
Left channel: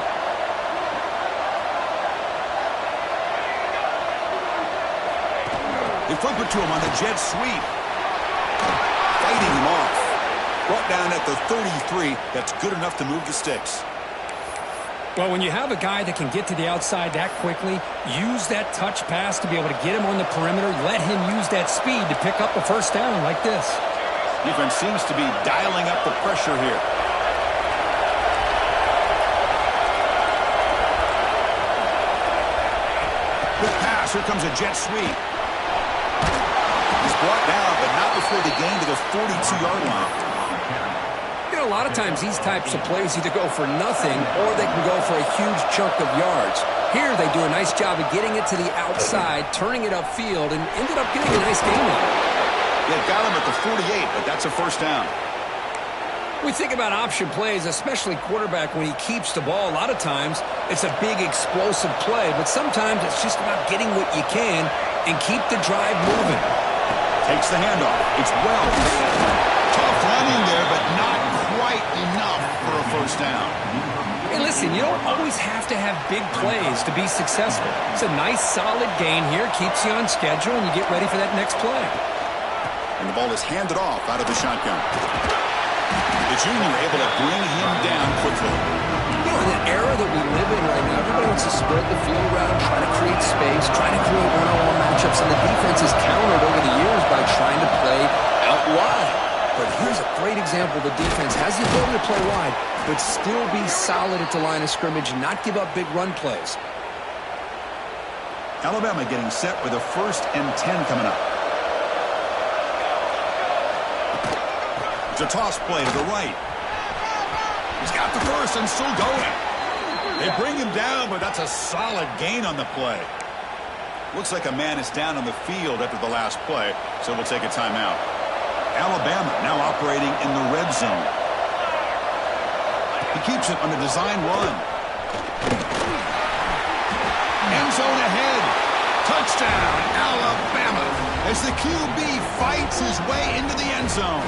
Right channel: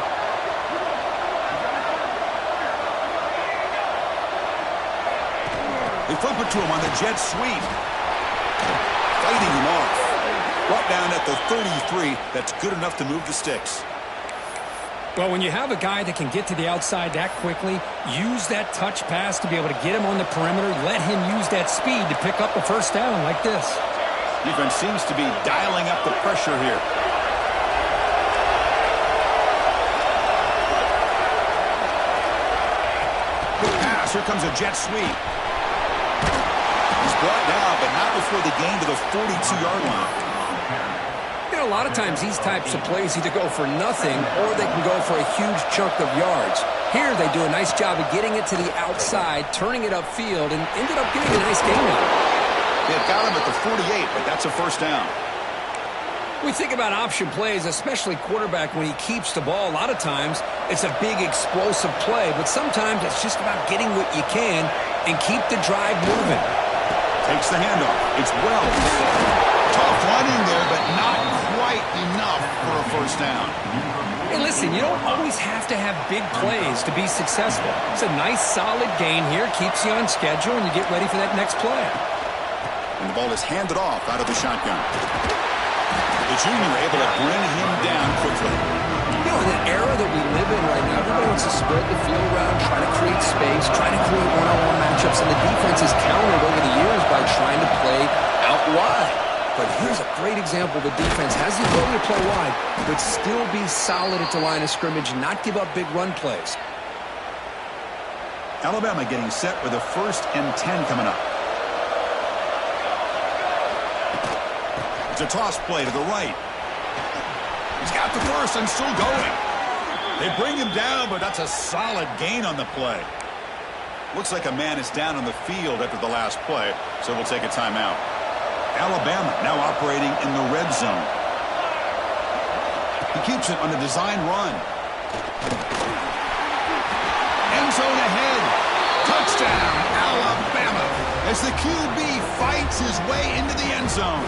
They flip it to him on the jet sweep. Fighting him off. Brought down at the 33. That's good enough to move the sticks. Well, when you have a guy that can get to the outside that quickly, use that touch pass to be able to get him on the perimeter, let him use that speed to pick up a first down like this. Defense seems to be dialing up the pressure here. Good pass. Here comes a jet sweep. He's brought down, but not before the gain to the 42-yard line. A lot of times these types of plays either go for nothing or they can go for a huge chunk of yards. Here they do a nice job of getting it to the outside, turning it upfield, and ended up getting a nice gain out of it. They've got him at the 48, but that's a first down. We think about option plays, especially quarterback when he keeps the ball. A lot of times it's a big explosive play, but sometimes it's just about getting what you can and keep the drive moving. Takes the handoff. It's well. Tough running there, but not quite enough for a first down. Hey, listen, you don't always have to have big plays to be successful. It's a nice, solid gain here. Keeps you on schedule, and you get ready for that next play. And the ball is handed off out of the shotgun. The junior able to bring him down quickly. You know, in the era that we live in right now, everybody wants to spread the field around, try to create space, try to create one-on-one matchups, and the defense has countered over the years by trying to play out wide. But here's a great example. The defense has the ability to play wide, but still be solid at the line of scrimmage and not give up big run plays. Alabama getting set with a 1st and 10 coming up. It's a toss play to the right. He's got the first and still going. They bring him down, but that's a solid gain on the play. Looks like a man is down on the field after the last play, so we'll take a timeout. Alabama now operating in the red zone. He keeps it on a design run. End zone ahead. Touchdown, Alabama, as the QB fights his way into the end zone.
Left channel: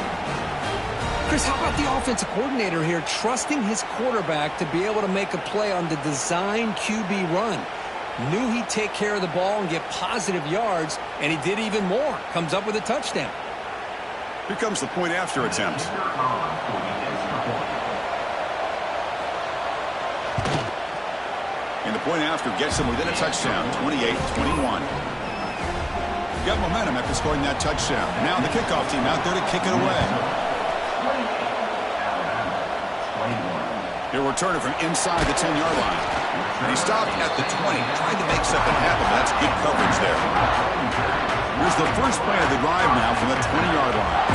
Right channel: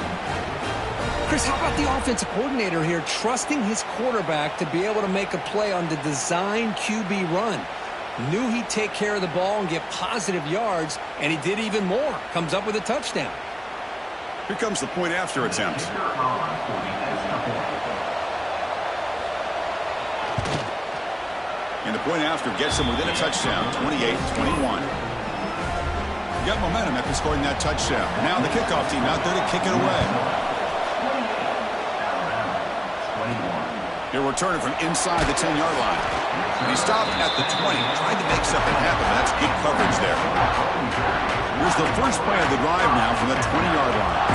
Chris, how about the offensive coordinator here trusting his quarterback to be able to make a play on the design QB run? Knew he'd take care of the ball and get positive yards, and he did even more. Comes up with a touchdown. Here comes the point after attempt. And the point after gets them within a touchdown, 28-21. Got momentum after scoring that touchdown. Now the kickoff team out there to kick it away. He'll return it from inside the 10-yard line. And he stopped at the 20, tried to make something happen, but that's good coverage there. Here's the first play of the drive now from the 20-yard line.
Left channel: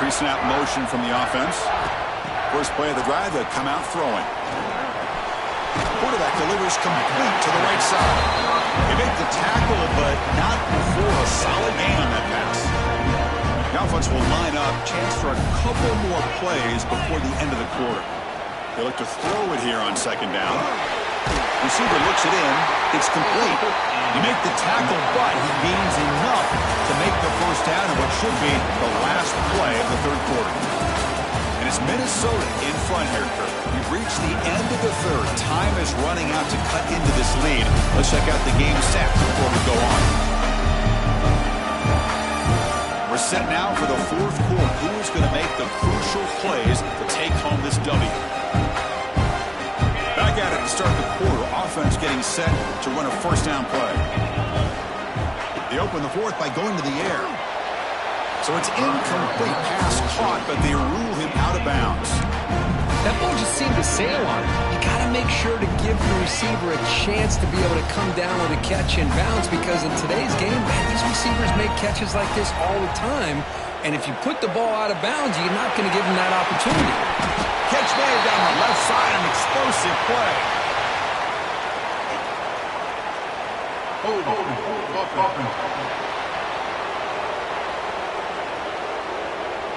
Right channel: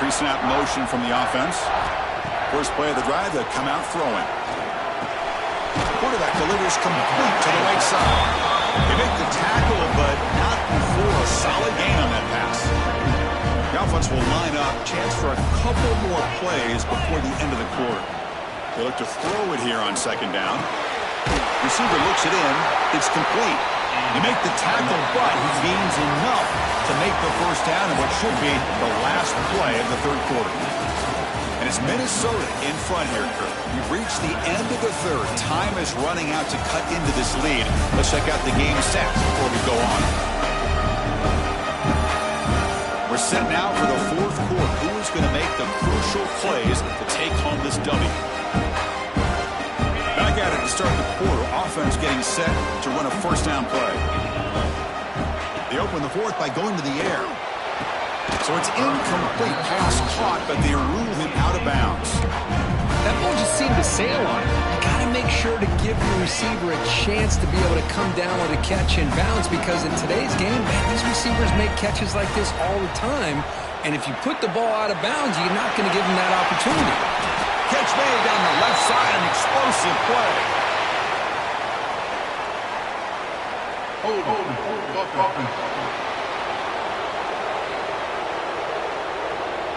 Pre-snap motion from the offense. First play of the drive, they'll come out throwing. Quarterback delivers complete to the right side. They make the tackle, but not before a solid gain on that pass. The offense will line up, chance for a couple more plays before the end of the quarter. They look to throw it here on second down. Receiver looks it in. It's complete. You make the tackle, but he gains enough to make the first down in what should be the last play of the third quarter. And it's Minnesota in front here, Kirk. We've reached the end of the third. Time is running out to cut into this lead. Let's check out the game stats before we go on. We're set now for the fourth quarter. Who is going to make the crucial plays to take home this W? Back at it to start the quarter. Offense getting set to run a first down play. They open the fourth by going to the air. So it's incomplete, pass caught, but they rule him out of bounds. That ball just seemed to sail on it. You got to make sure to give the receiver a chance to be able to come down with a catch and bounce, because in today's game, man, these receivers make catches like this all the time. And if you put the ball out of bounds, you're not going to give them that opportunity. Catch made down the left side, an explosive play.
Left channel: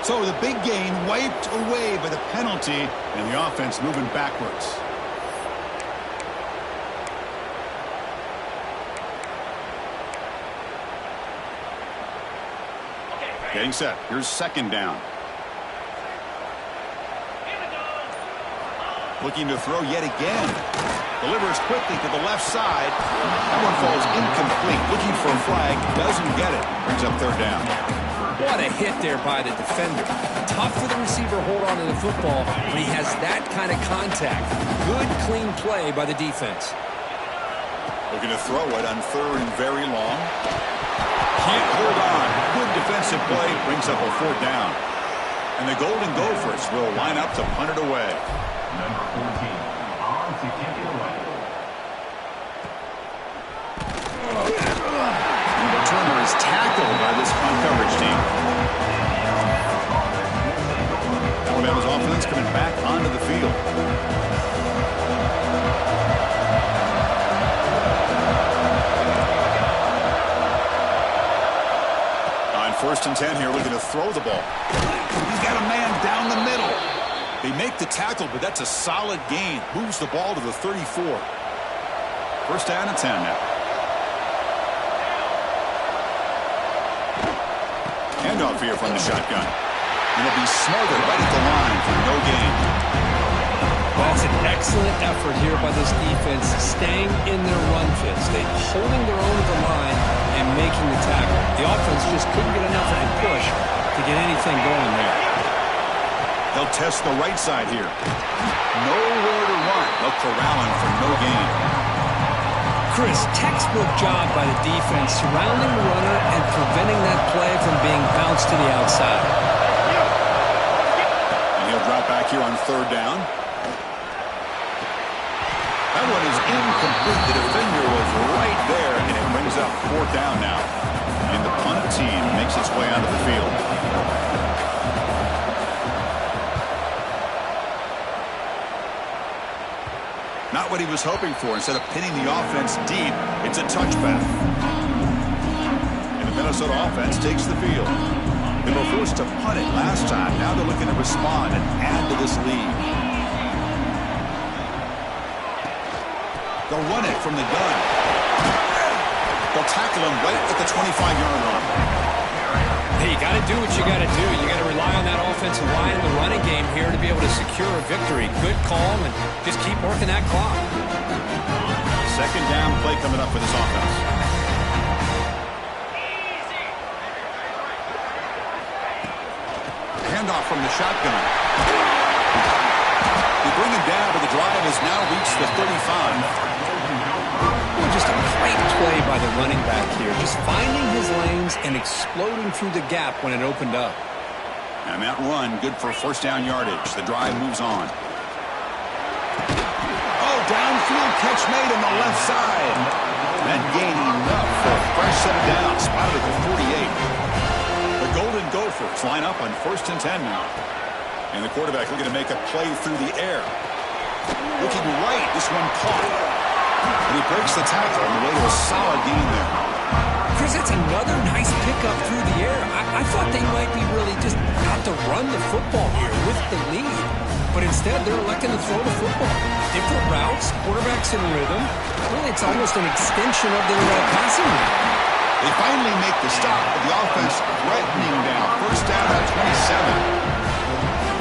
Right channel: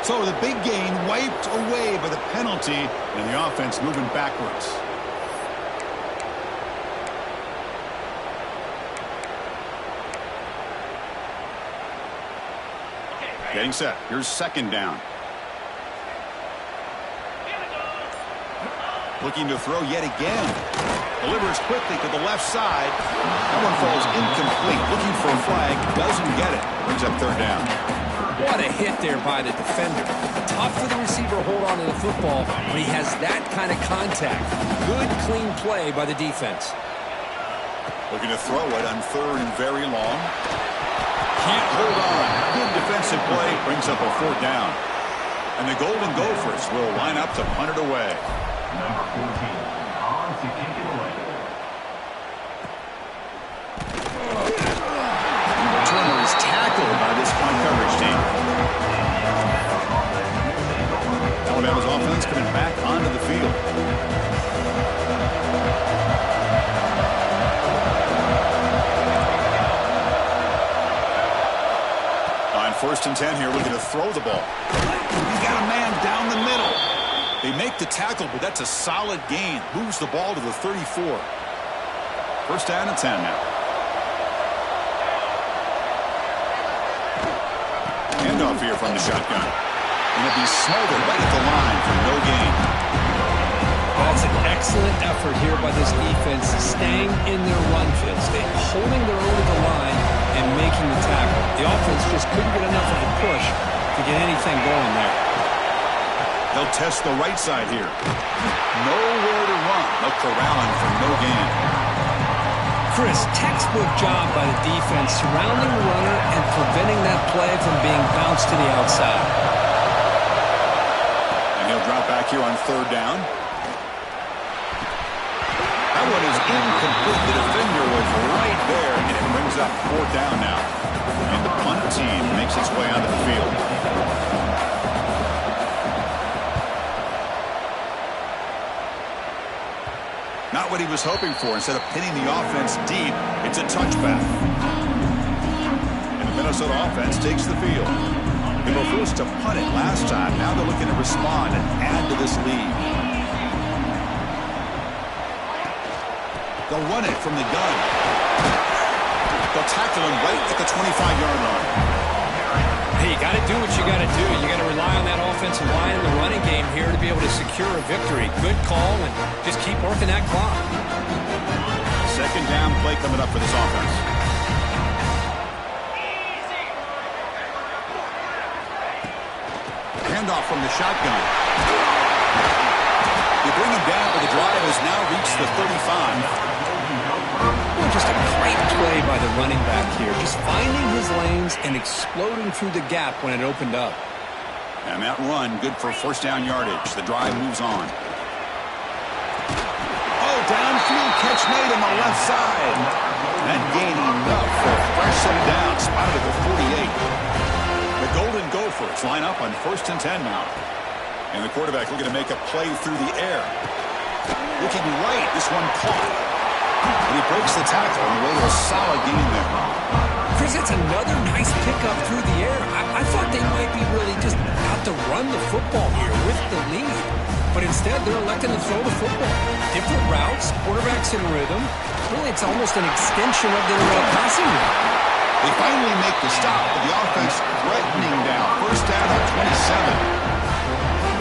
So the big gain wiped away by the penalty, and the offense moving backwards. Getting set. Here's second down. Looking to throw yet again. Delivers quickly to the left side. That one falls incomplete. Looking for a flag. Doesn't get it. Brings up third down. What a hit there by the defender. Tough for the receiver to hold on to the football when he has that kind of contact. Good, clean play by the defense. Looking to throw it on third and very long. Can't hold on. Good defensive play. Brings up a fourth down. And the Golden Gophers will line up to punt it away. Number 14, on to kick it away. The returner is tackled by this punt coverage team. Alabama's offense coming back onto the field. On 1st and 10 here, looking to throw the ball. He's got a man down the middle. They make the tackle, but that's a solid gain. Moves the ball to the 34. First down and 10 now. Handoff here from the shotgun. And it'll be smothered right at the line for no gain. That's an excellent effort here by this defense, staying in their run fits. They holding their own at the line and making the tackle. The offense just couldn't get enough of a push to get anything going there. They'll test the right side here. Nowhere to run. They'll corral him for no gain. Chris, textbook job by the defense surrounding the runner and preventing that play from being bounced to the outside. And he'll drop back here on third down. That one is incomplete. The defender was right there, and it brings up fourth down now. And the punt team makes its way onto the field. Not what he was hoping for. Instead of pinning the offense deep, it's a touchback. And the Minnesota offense takes the field. They were forced to punt it last time. Now they're looking to respond and add to this lead. They'll run it from the gun. They'll tackle him right at the 25-yard line. Hey, you got to do what you got to do. You got to rely on that offensive line in the running game here to be able to secure a victory. Good call, and just keep working that clock. Second down play coming up for this offense. Handoff from the shotgun. has now reached the 35. Well, just a great play by the running back here. Just finding his lanes and exploding through the gap when it opened up. And that run, good for first down yardage. The drive moves on. Oh, downfield catch made on the left side. That gained enough for a fresh set of downs. Spotted at the 48. The Golden Gophers line up on 1st and 10 now. And the quarterback looking to make a play through the air. Looking right, this one caught. And he breaks the tackle on the way to a solid gain there. Chris, that's another nice pickup through the air. I thought they might be really just out to run the football here with the lead. But instead, they're electing to throw the football. Different routes, quarterbacks in rhythm. Really, it's almost an extension of their passing rhythm. They finally make the stop, but the offense threatening down. First down at 27.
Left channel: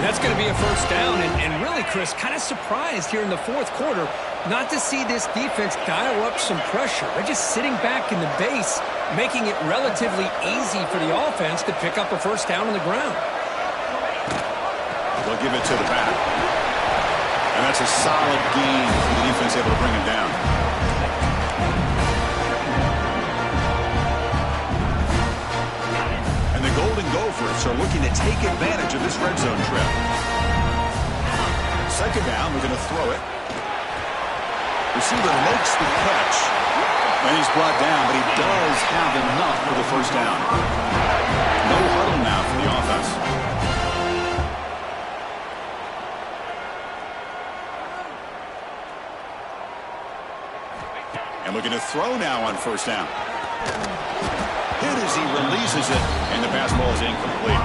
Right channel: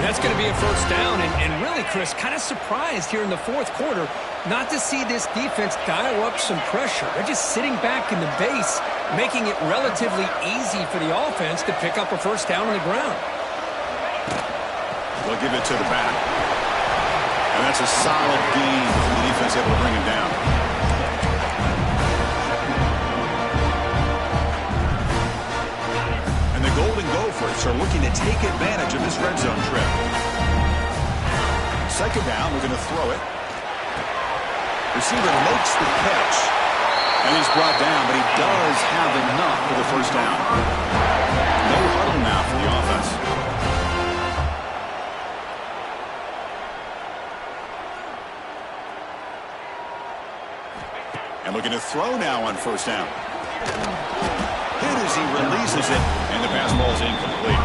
And that's going to be a first down. And really, Chris, kind of surprised here in the fourth quarter not to see this defense dial up some pressure. They're just sitting back in the base, making it relatively easy for the offense to pick up a first down on the ground. They'll give it to the back. And that's a solid gain for the defense able to bring him down. And the Golden Gophers are looking to take advantage of this red zone trip. Second down, we're going to throw it. Receiver makes the catch. And he's brought down, but he does have enough for the first down. No huddle now for the offense. And looking to throw now on first down. Hit as he releases it, and the pass ball is incomplete.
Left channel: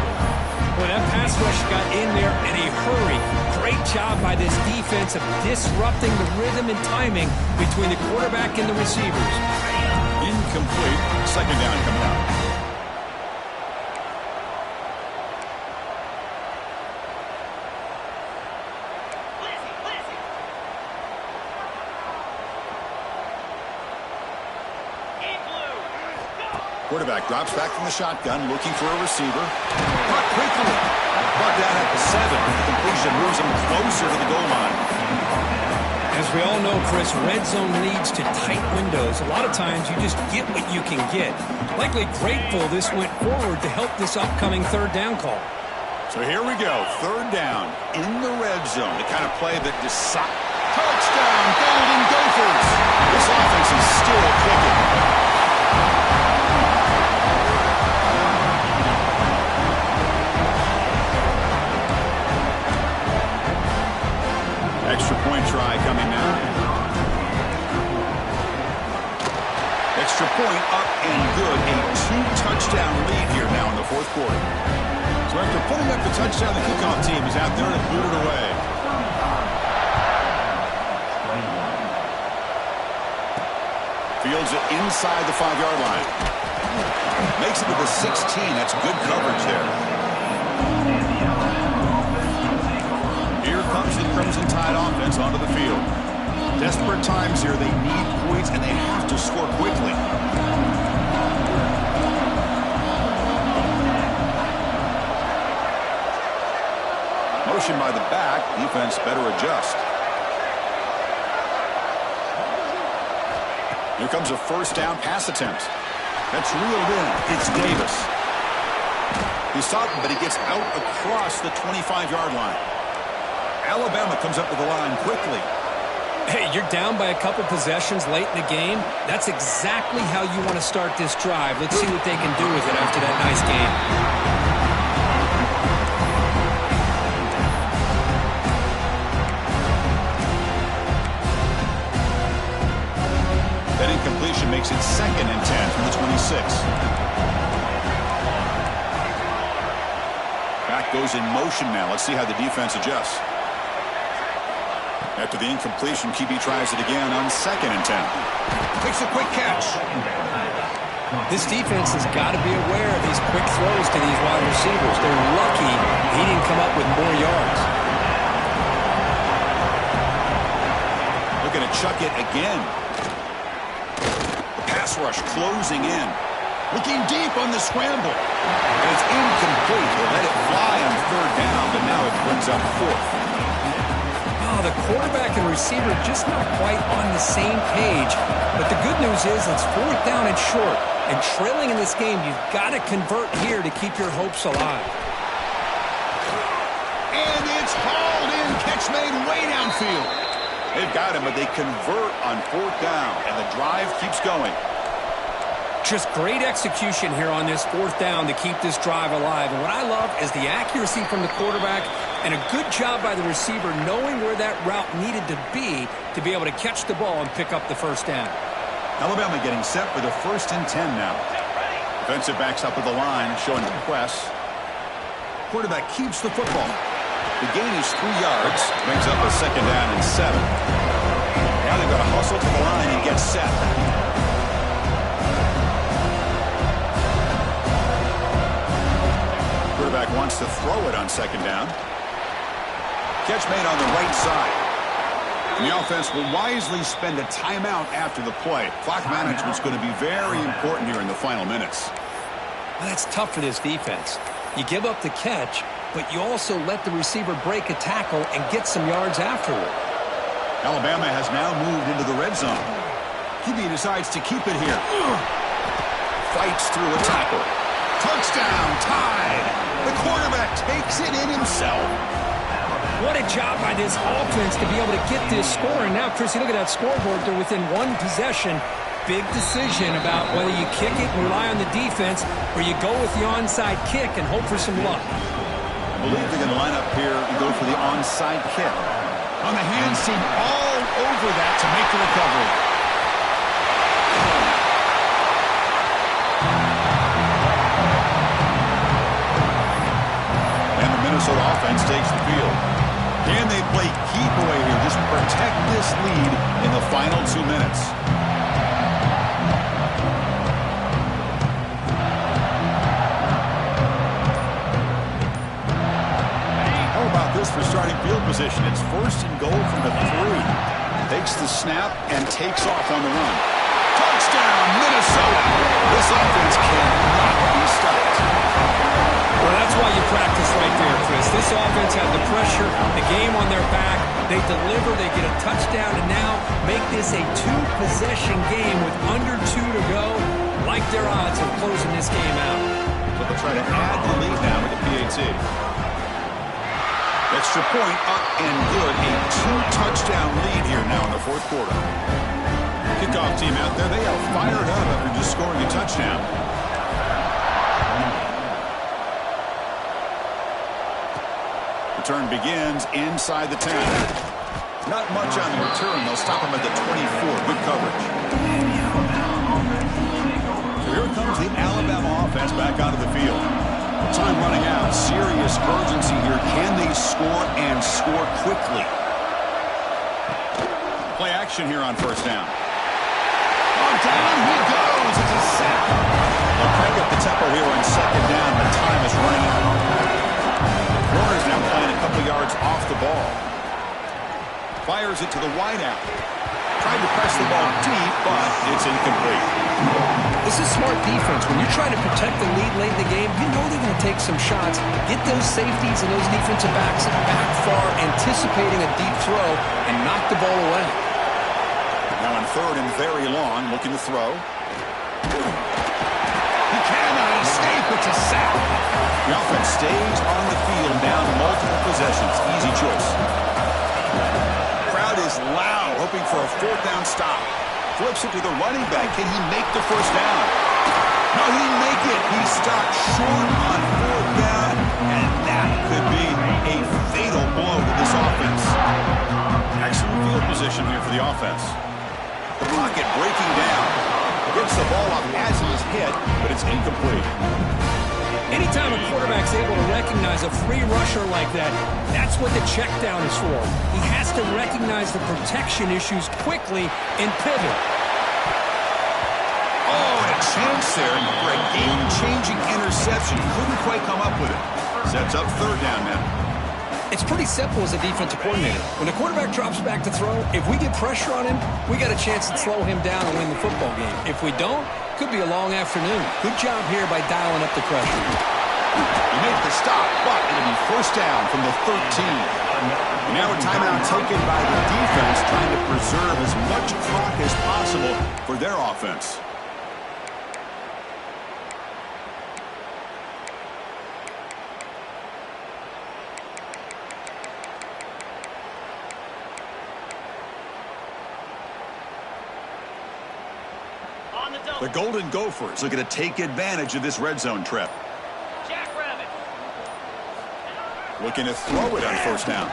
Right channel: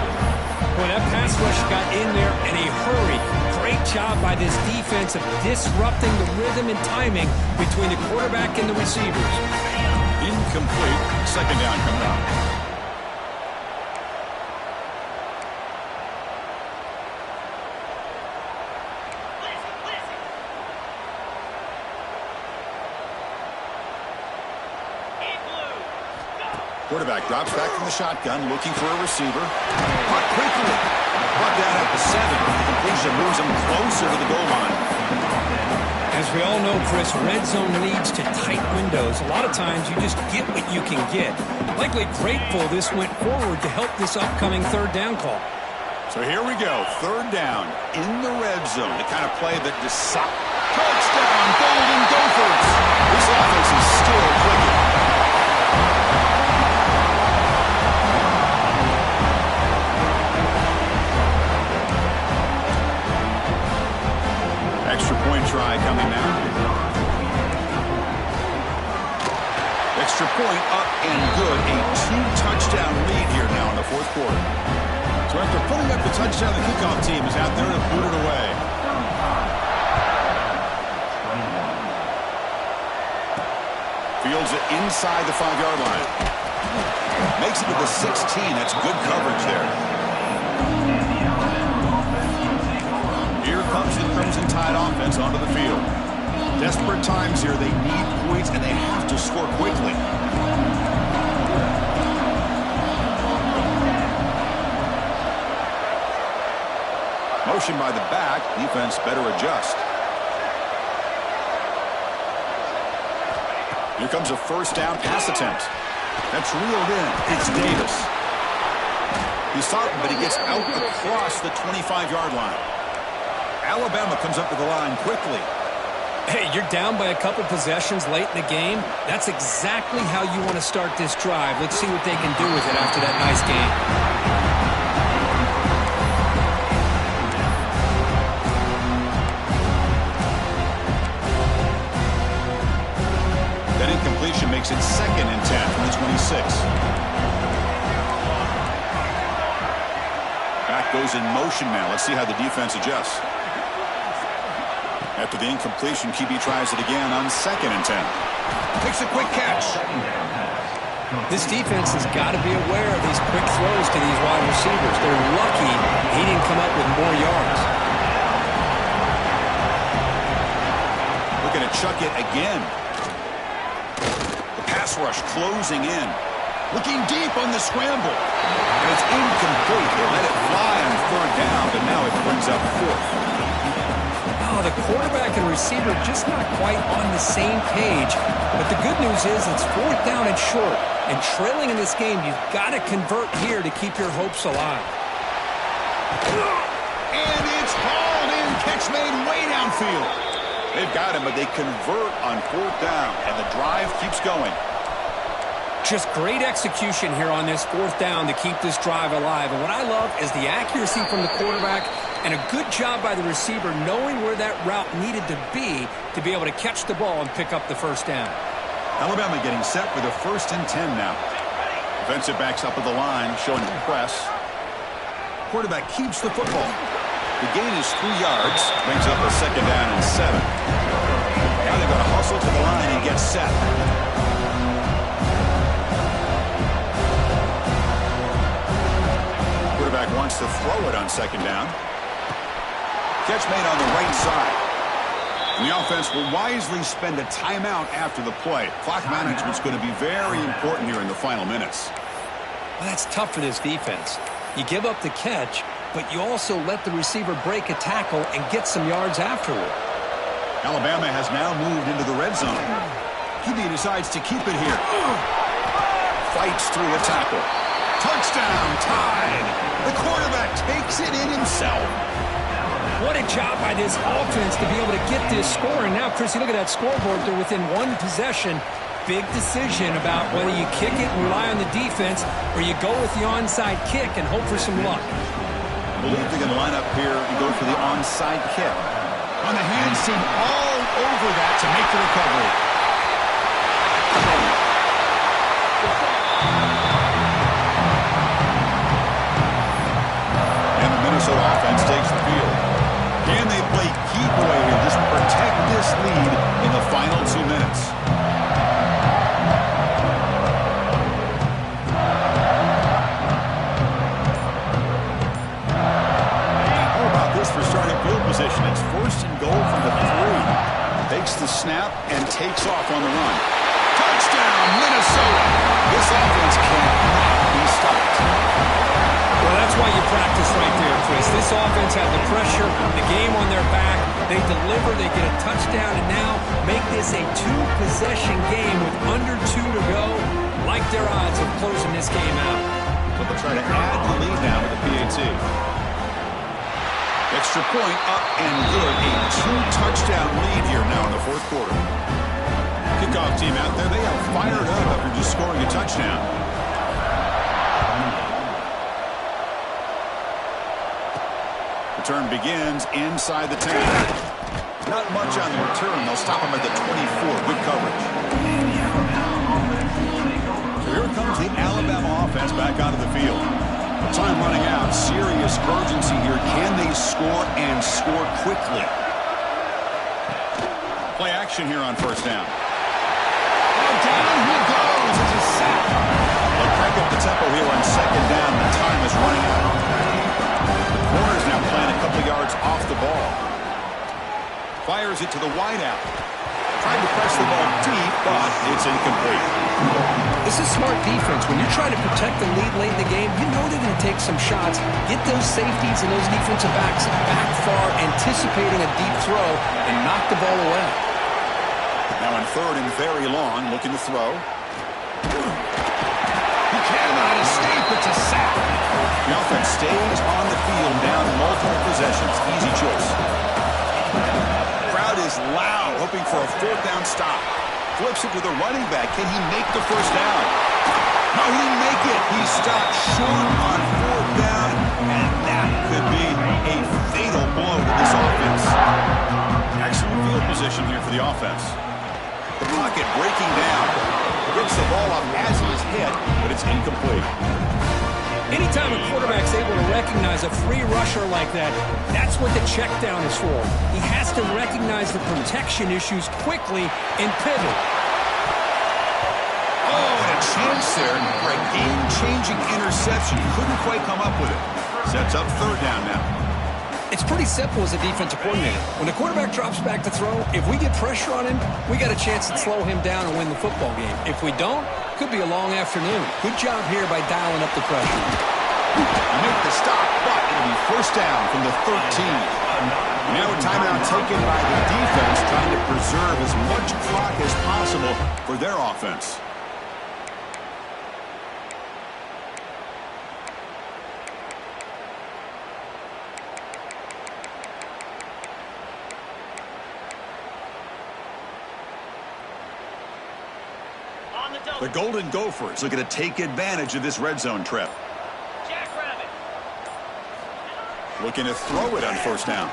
Well, that pass rush got in there in a hurry. Great job by this defense of disrupting the rhythm and timing between the quarterback and the receivers. Incomplete. Second down coming up. Quarterback drops back from the shotgun, looking for a receiver. Caught quickly. Brought down at the 7. The completion moves him closer to the goal line. As we all know, Chris, red zone leads to tight windows. A lot of times you just get what you can get. Likely grateful this went forward to help this upcoming third down call. So here we go. Third down in the red zone. The kind of play that decides. Touchdown, Golden Gophers. This offense is still clicking. Extra point try coming now. Extra point up and good. A 2-touchdown lead here now in the fourth quarter. So after pulling up the touchdown, the kickoff team is out there to boot it away. Fields it inside the 5-yard line. Makes it to the 16. That's good coverage there. Here comes the Crimson Tide offense onto the field. Desperate times here. They need points, and they have to score quickly. Motion by the back. Defense better adjust. Here comes a first down pass attempt. That's reeled in. It's Davis. He saw it, but he gets out across the 25-yard line. Alabama comes up to the line quickly. Hey, you're down by a couple possessions late in the game. That's exactly how you want to start this drive. Let's see what they can do with it after that nice game. That incompletion makes it 2nd and 10 from the 26. Back goes in motion now. Let's see how the defense adjusts. After the incompletion, QB tries it again on 2nd and 10. Takes a quick catch. This defense has got to be aware of these quick throws to these wide receivers. They're lucky he didn't come up with more yards. Looking to chuck it again. The pass rush closing in. Looking deep on the scramble. And it's incomplete. They let it fly on 3rd down, but now it brings up 4th. Oh, the quarterback and receiver just not quite on the same page. But the good news is it's 4th down and short. And trailing in this game, you've got to convert here to keep your hopes alive. And it's hauled in. Catch made way downfield. They've got him, but they convert on 4th down. And the drive keeps going. Just great execution here on this 4th down to keep this drive alive. And what I love is the accuracy from the quarterback and a good job by the receiver knowing where that route needed to be able to catch the ball and pick up the 1st down. Alabama getting set for the 1st and 10 now. Defensive backs up at the line, showing the press. Quarterback keeps the football. The gain is 3 yards, brings up a 2nd down and 7. Now they've got to hustle to the line and get set. Quarterback wants to throw it on 2nd down. Catch made on the right side. And the offense will wisely spend a timeout after the play. Clock management's going to be very important here in the final minutes. Well, that's tough for this defense. You give up the catch, but you also let the receiver break a tackle and get some yards afterward. Alabama has now moved into the red zone. QB decides to keep it here. Fights through a tackle. Touchdown, tied. The quarterback takes it in himself. What a job by this offense to be able to get this score. And now, Chris, you look at that scoreboard. They're within 1 possession. Big decision about whether you kick it and rely on the defense or you go with the onside kick and hope for some luck. I believe they're going to line up here and go for the onside kick. On the hands team all over that to make the recovery. And the Minnesota offense takes the field. Can they play keep away here? Just protect this lead in the final 2 minutes. How about this for starting field position? It's 1st and goal from the 3. Takes the snap and takes off on the run. Touchdown, Minnesota! This offense cannot be stopped. Well, that's why you practice right there, Chris. This offense had the pressure, the game on their back. They deliver, they get a touchdown, and now make this a 2-possession game with under 2 to go. Like their odds of closing this game out. So they'll try to add the lead now with the PAT. Extra point up and good. A 2-touchdown lead here now in the 4th quarter. Kickoff team out there, they are fired up after just scoring a touchdown. Return begins inside the 10. Not much on the return. They'll stop him at the 24. Good coverage. So here comes the Alabama offense back onto the field. Time running out. Serious urgency here. Can they score and score quickly? Play action here on 1st down. Oh, down he goes. It's a sack. They'll crank up the tempo here on 2nd down. The time is running out. Warner's now playing a couple yards off the ball. Fires it to the wideout. Tried to press the ball deep, but it's incomplete. This is smart defense. When you're trying to protect the lead late in the game, you know they're going to take some shots. Get those safeties and those defensive backs back far, anticipating a deep throw, and knock the ball away. Now on 3rd and very long, looking to throw. He cannot escape. It's a sack. The offense stays on the field, down multiple possessions. Easy choice. Crowd is loud, hoping for a 4th down stop. Flips it to the running back. Can he make the 1st down? No, he didn't make it. He stopped short on 4th down, and that could be a fatal blow to this offense. Excellent field position here for the offense. The pocket breaking down. Gets the ball up as he is hit, but it's incomplete. Anytime a quarterback's able to recognize a free rusher like that, that's what the check down is for. He has to recognize the protection issues quickly and pivot. Oh, and a chance there for a game-changing interception. Couldn't quite come up with it. Sets up 3rd down now. It's pretty simple as a defensive coordinator. When the quarterback drops back to throw, if we get pressure on him, we got a chance to slow him down and win the football game. If we don't, could be a long afternoon. Good job here by dialing up the pressure. He made the stop, but it'll be first down from the 13. Now a timeout taken by the defense, trying to preserve as much clock as possible for their offense. The Golden Gophers looking to take advantage of this red zone trip. Jackrabbit. Looking to throw it on first down.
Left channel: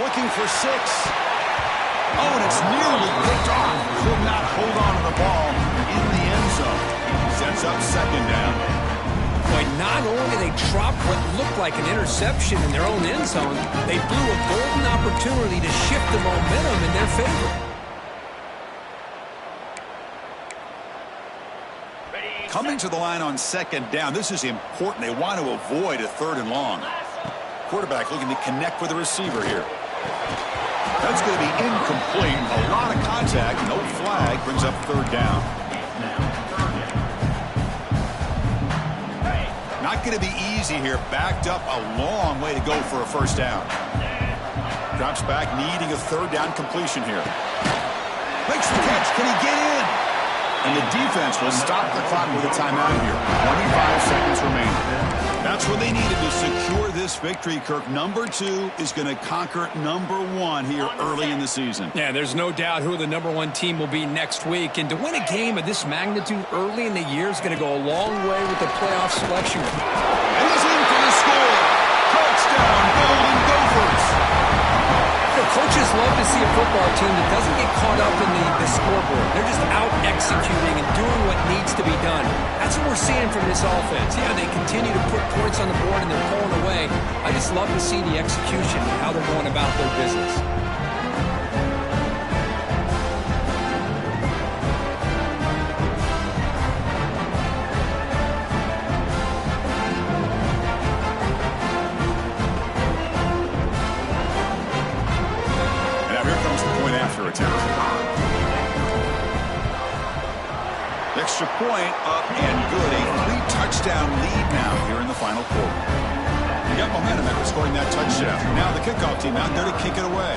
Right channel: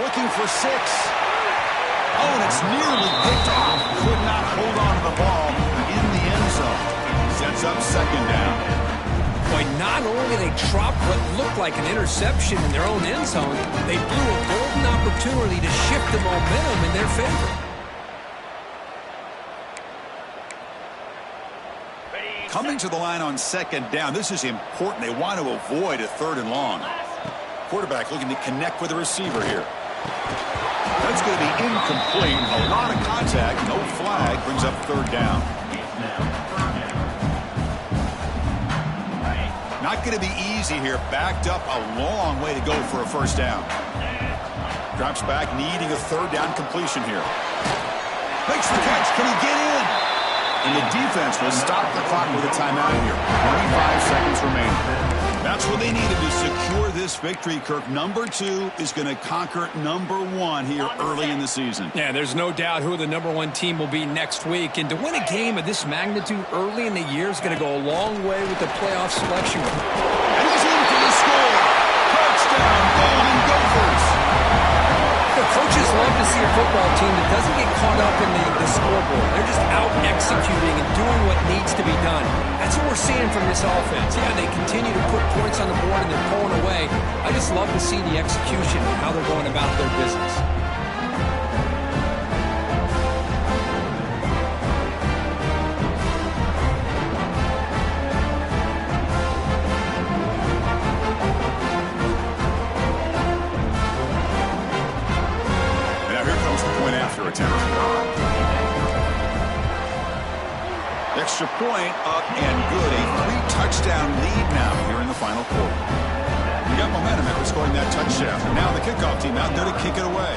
Looking for 6. Oh, and it's nearly picked off. Could not hold on to the ball in the end zone. Sets up second down. Boy, not only they dropped what looked like an interception in their own end zone, they blew a golden opportunity to shift the momentum in their favor. Coming to the line on second down. This is important. They want to avoid a 3rd and long. Quarterback looking to connect with the receiver here. That's going to be incomplete. A lot of contact. No flag. Brings up 3rd down. Not going to be easy here. Backed up a long way to go for a first down. Drops back, needing a 3rd down completion here. Makes the catch. Can he get in? And the defense will stop the clock with a timeout here. 25 seconds remaining. That's what they needed to secure this victory, Kirk. Number 2 is going to conquer number 1 here early in the season. Yeah, there's no doubt who the number 1 team will be next week. And to win a game of this magnitude early in the year is going to go a long way with the playoff selection. And he's in for the score. Touchdown, Golden Gophers. Coaches love to see a football team that doesn't get caught up in the scoreboard. They're just out executing and doing what needs to be done. That's what we're seeing from this offense. Yeah, they continue to put points on the board and they're pulling away. I just love to see the execution and how they're going about their business. Attempt. Extra point up and good. A 3-touchdown lead now here in the final quarter. You got momentum after scoring that touchdown. Now the kickoff team out there to kick it away.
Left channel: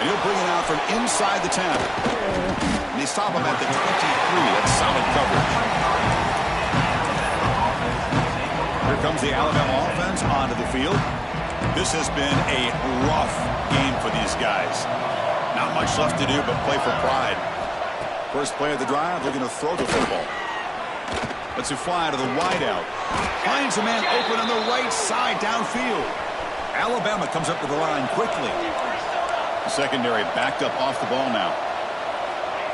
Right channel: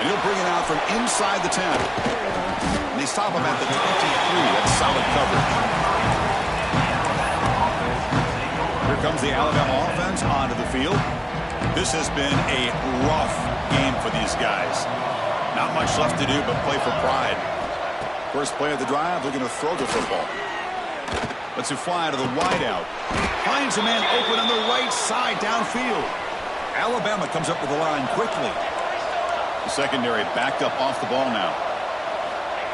And he'll bring it out from inside the 10. And they stop him at the 23. That's solid coverage. Here comes the Alabama offense onto the field. This has been a rough game for these guys. Not much left to do but play for pride. First play of the drive, looking to throw the football. Lets it fly to the wideout. Finds a man open on the right side downfield. Alabama comes up to the line quickly. The secondary backed up off the ball now.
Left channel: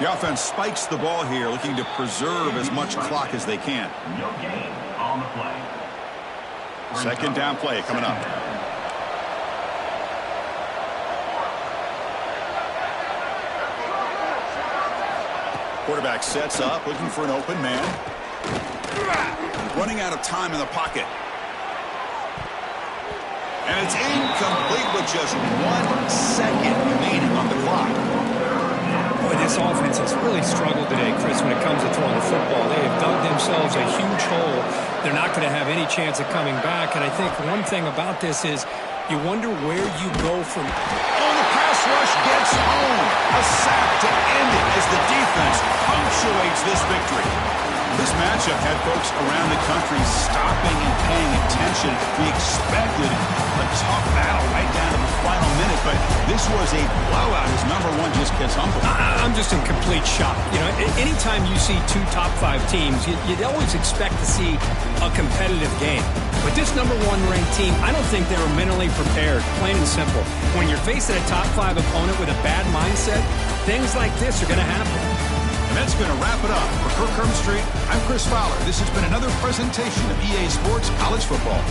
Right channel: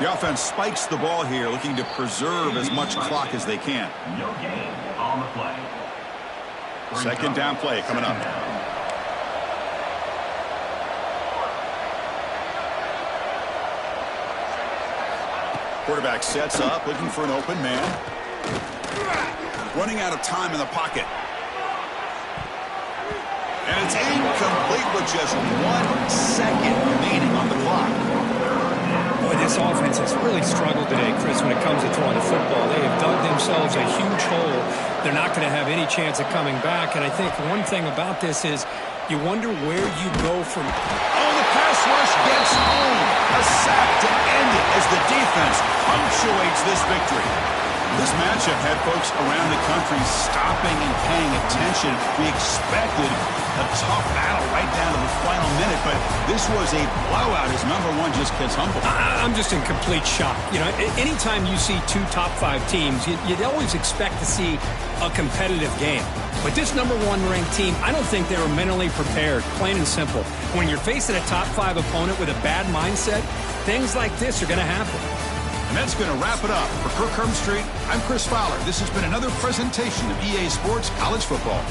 The offense spikes the ball here, looking to preserve as much clock as they can. No gain on the play. Second down play coming up. Quarterback sets up, looking for an open man. Running out of time in the pocket. And it's incomplete with just 1 second remaining on the clock. Boy, this offense has really struggled today, Chris, when it comes to throwing the football. They have dug themselves a huge hole. They're not going to have any chance of coming back. And I think one thing about this is you wonder where you go from. Oh, the pass rush gets home. A sack to end it as the defense punctuates this victory. This matchup had folks around the country stopping and paying attention. We expected a tough battle right down to the final minute, but this was a blowout as number 1 just gets humbled. I'm just in complete shock. You know, anytime you see 2 top 5 teams, you'd always expect to see a competitive game. But this number 1 ranked team, I don't think they were mentally prepared, plain and simple. When you're facing a top 5 opponent with a bad mindset, things like this are going to happen. And that's going to wrap it up. For Kirk Herbstreit, I'm Chris Fowler. This has been another presentation of EA Sports College Football.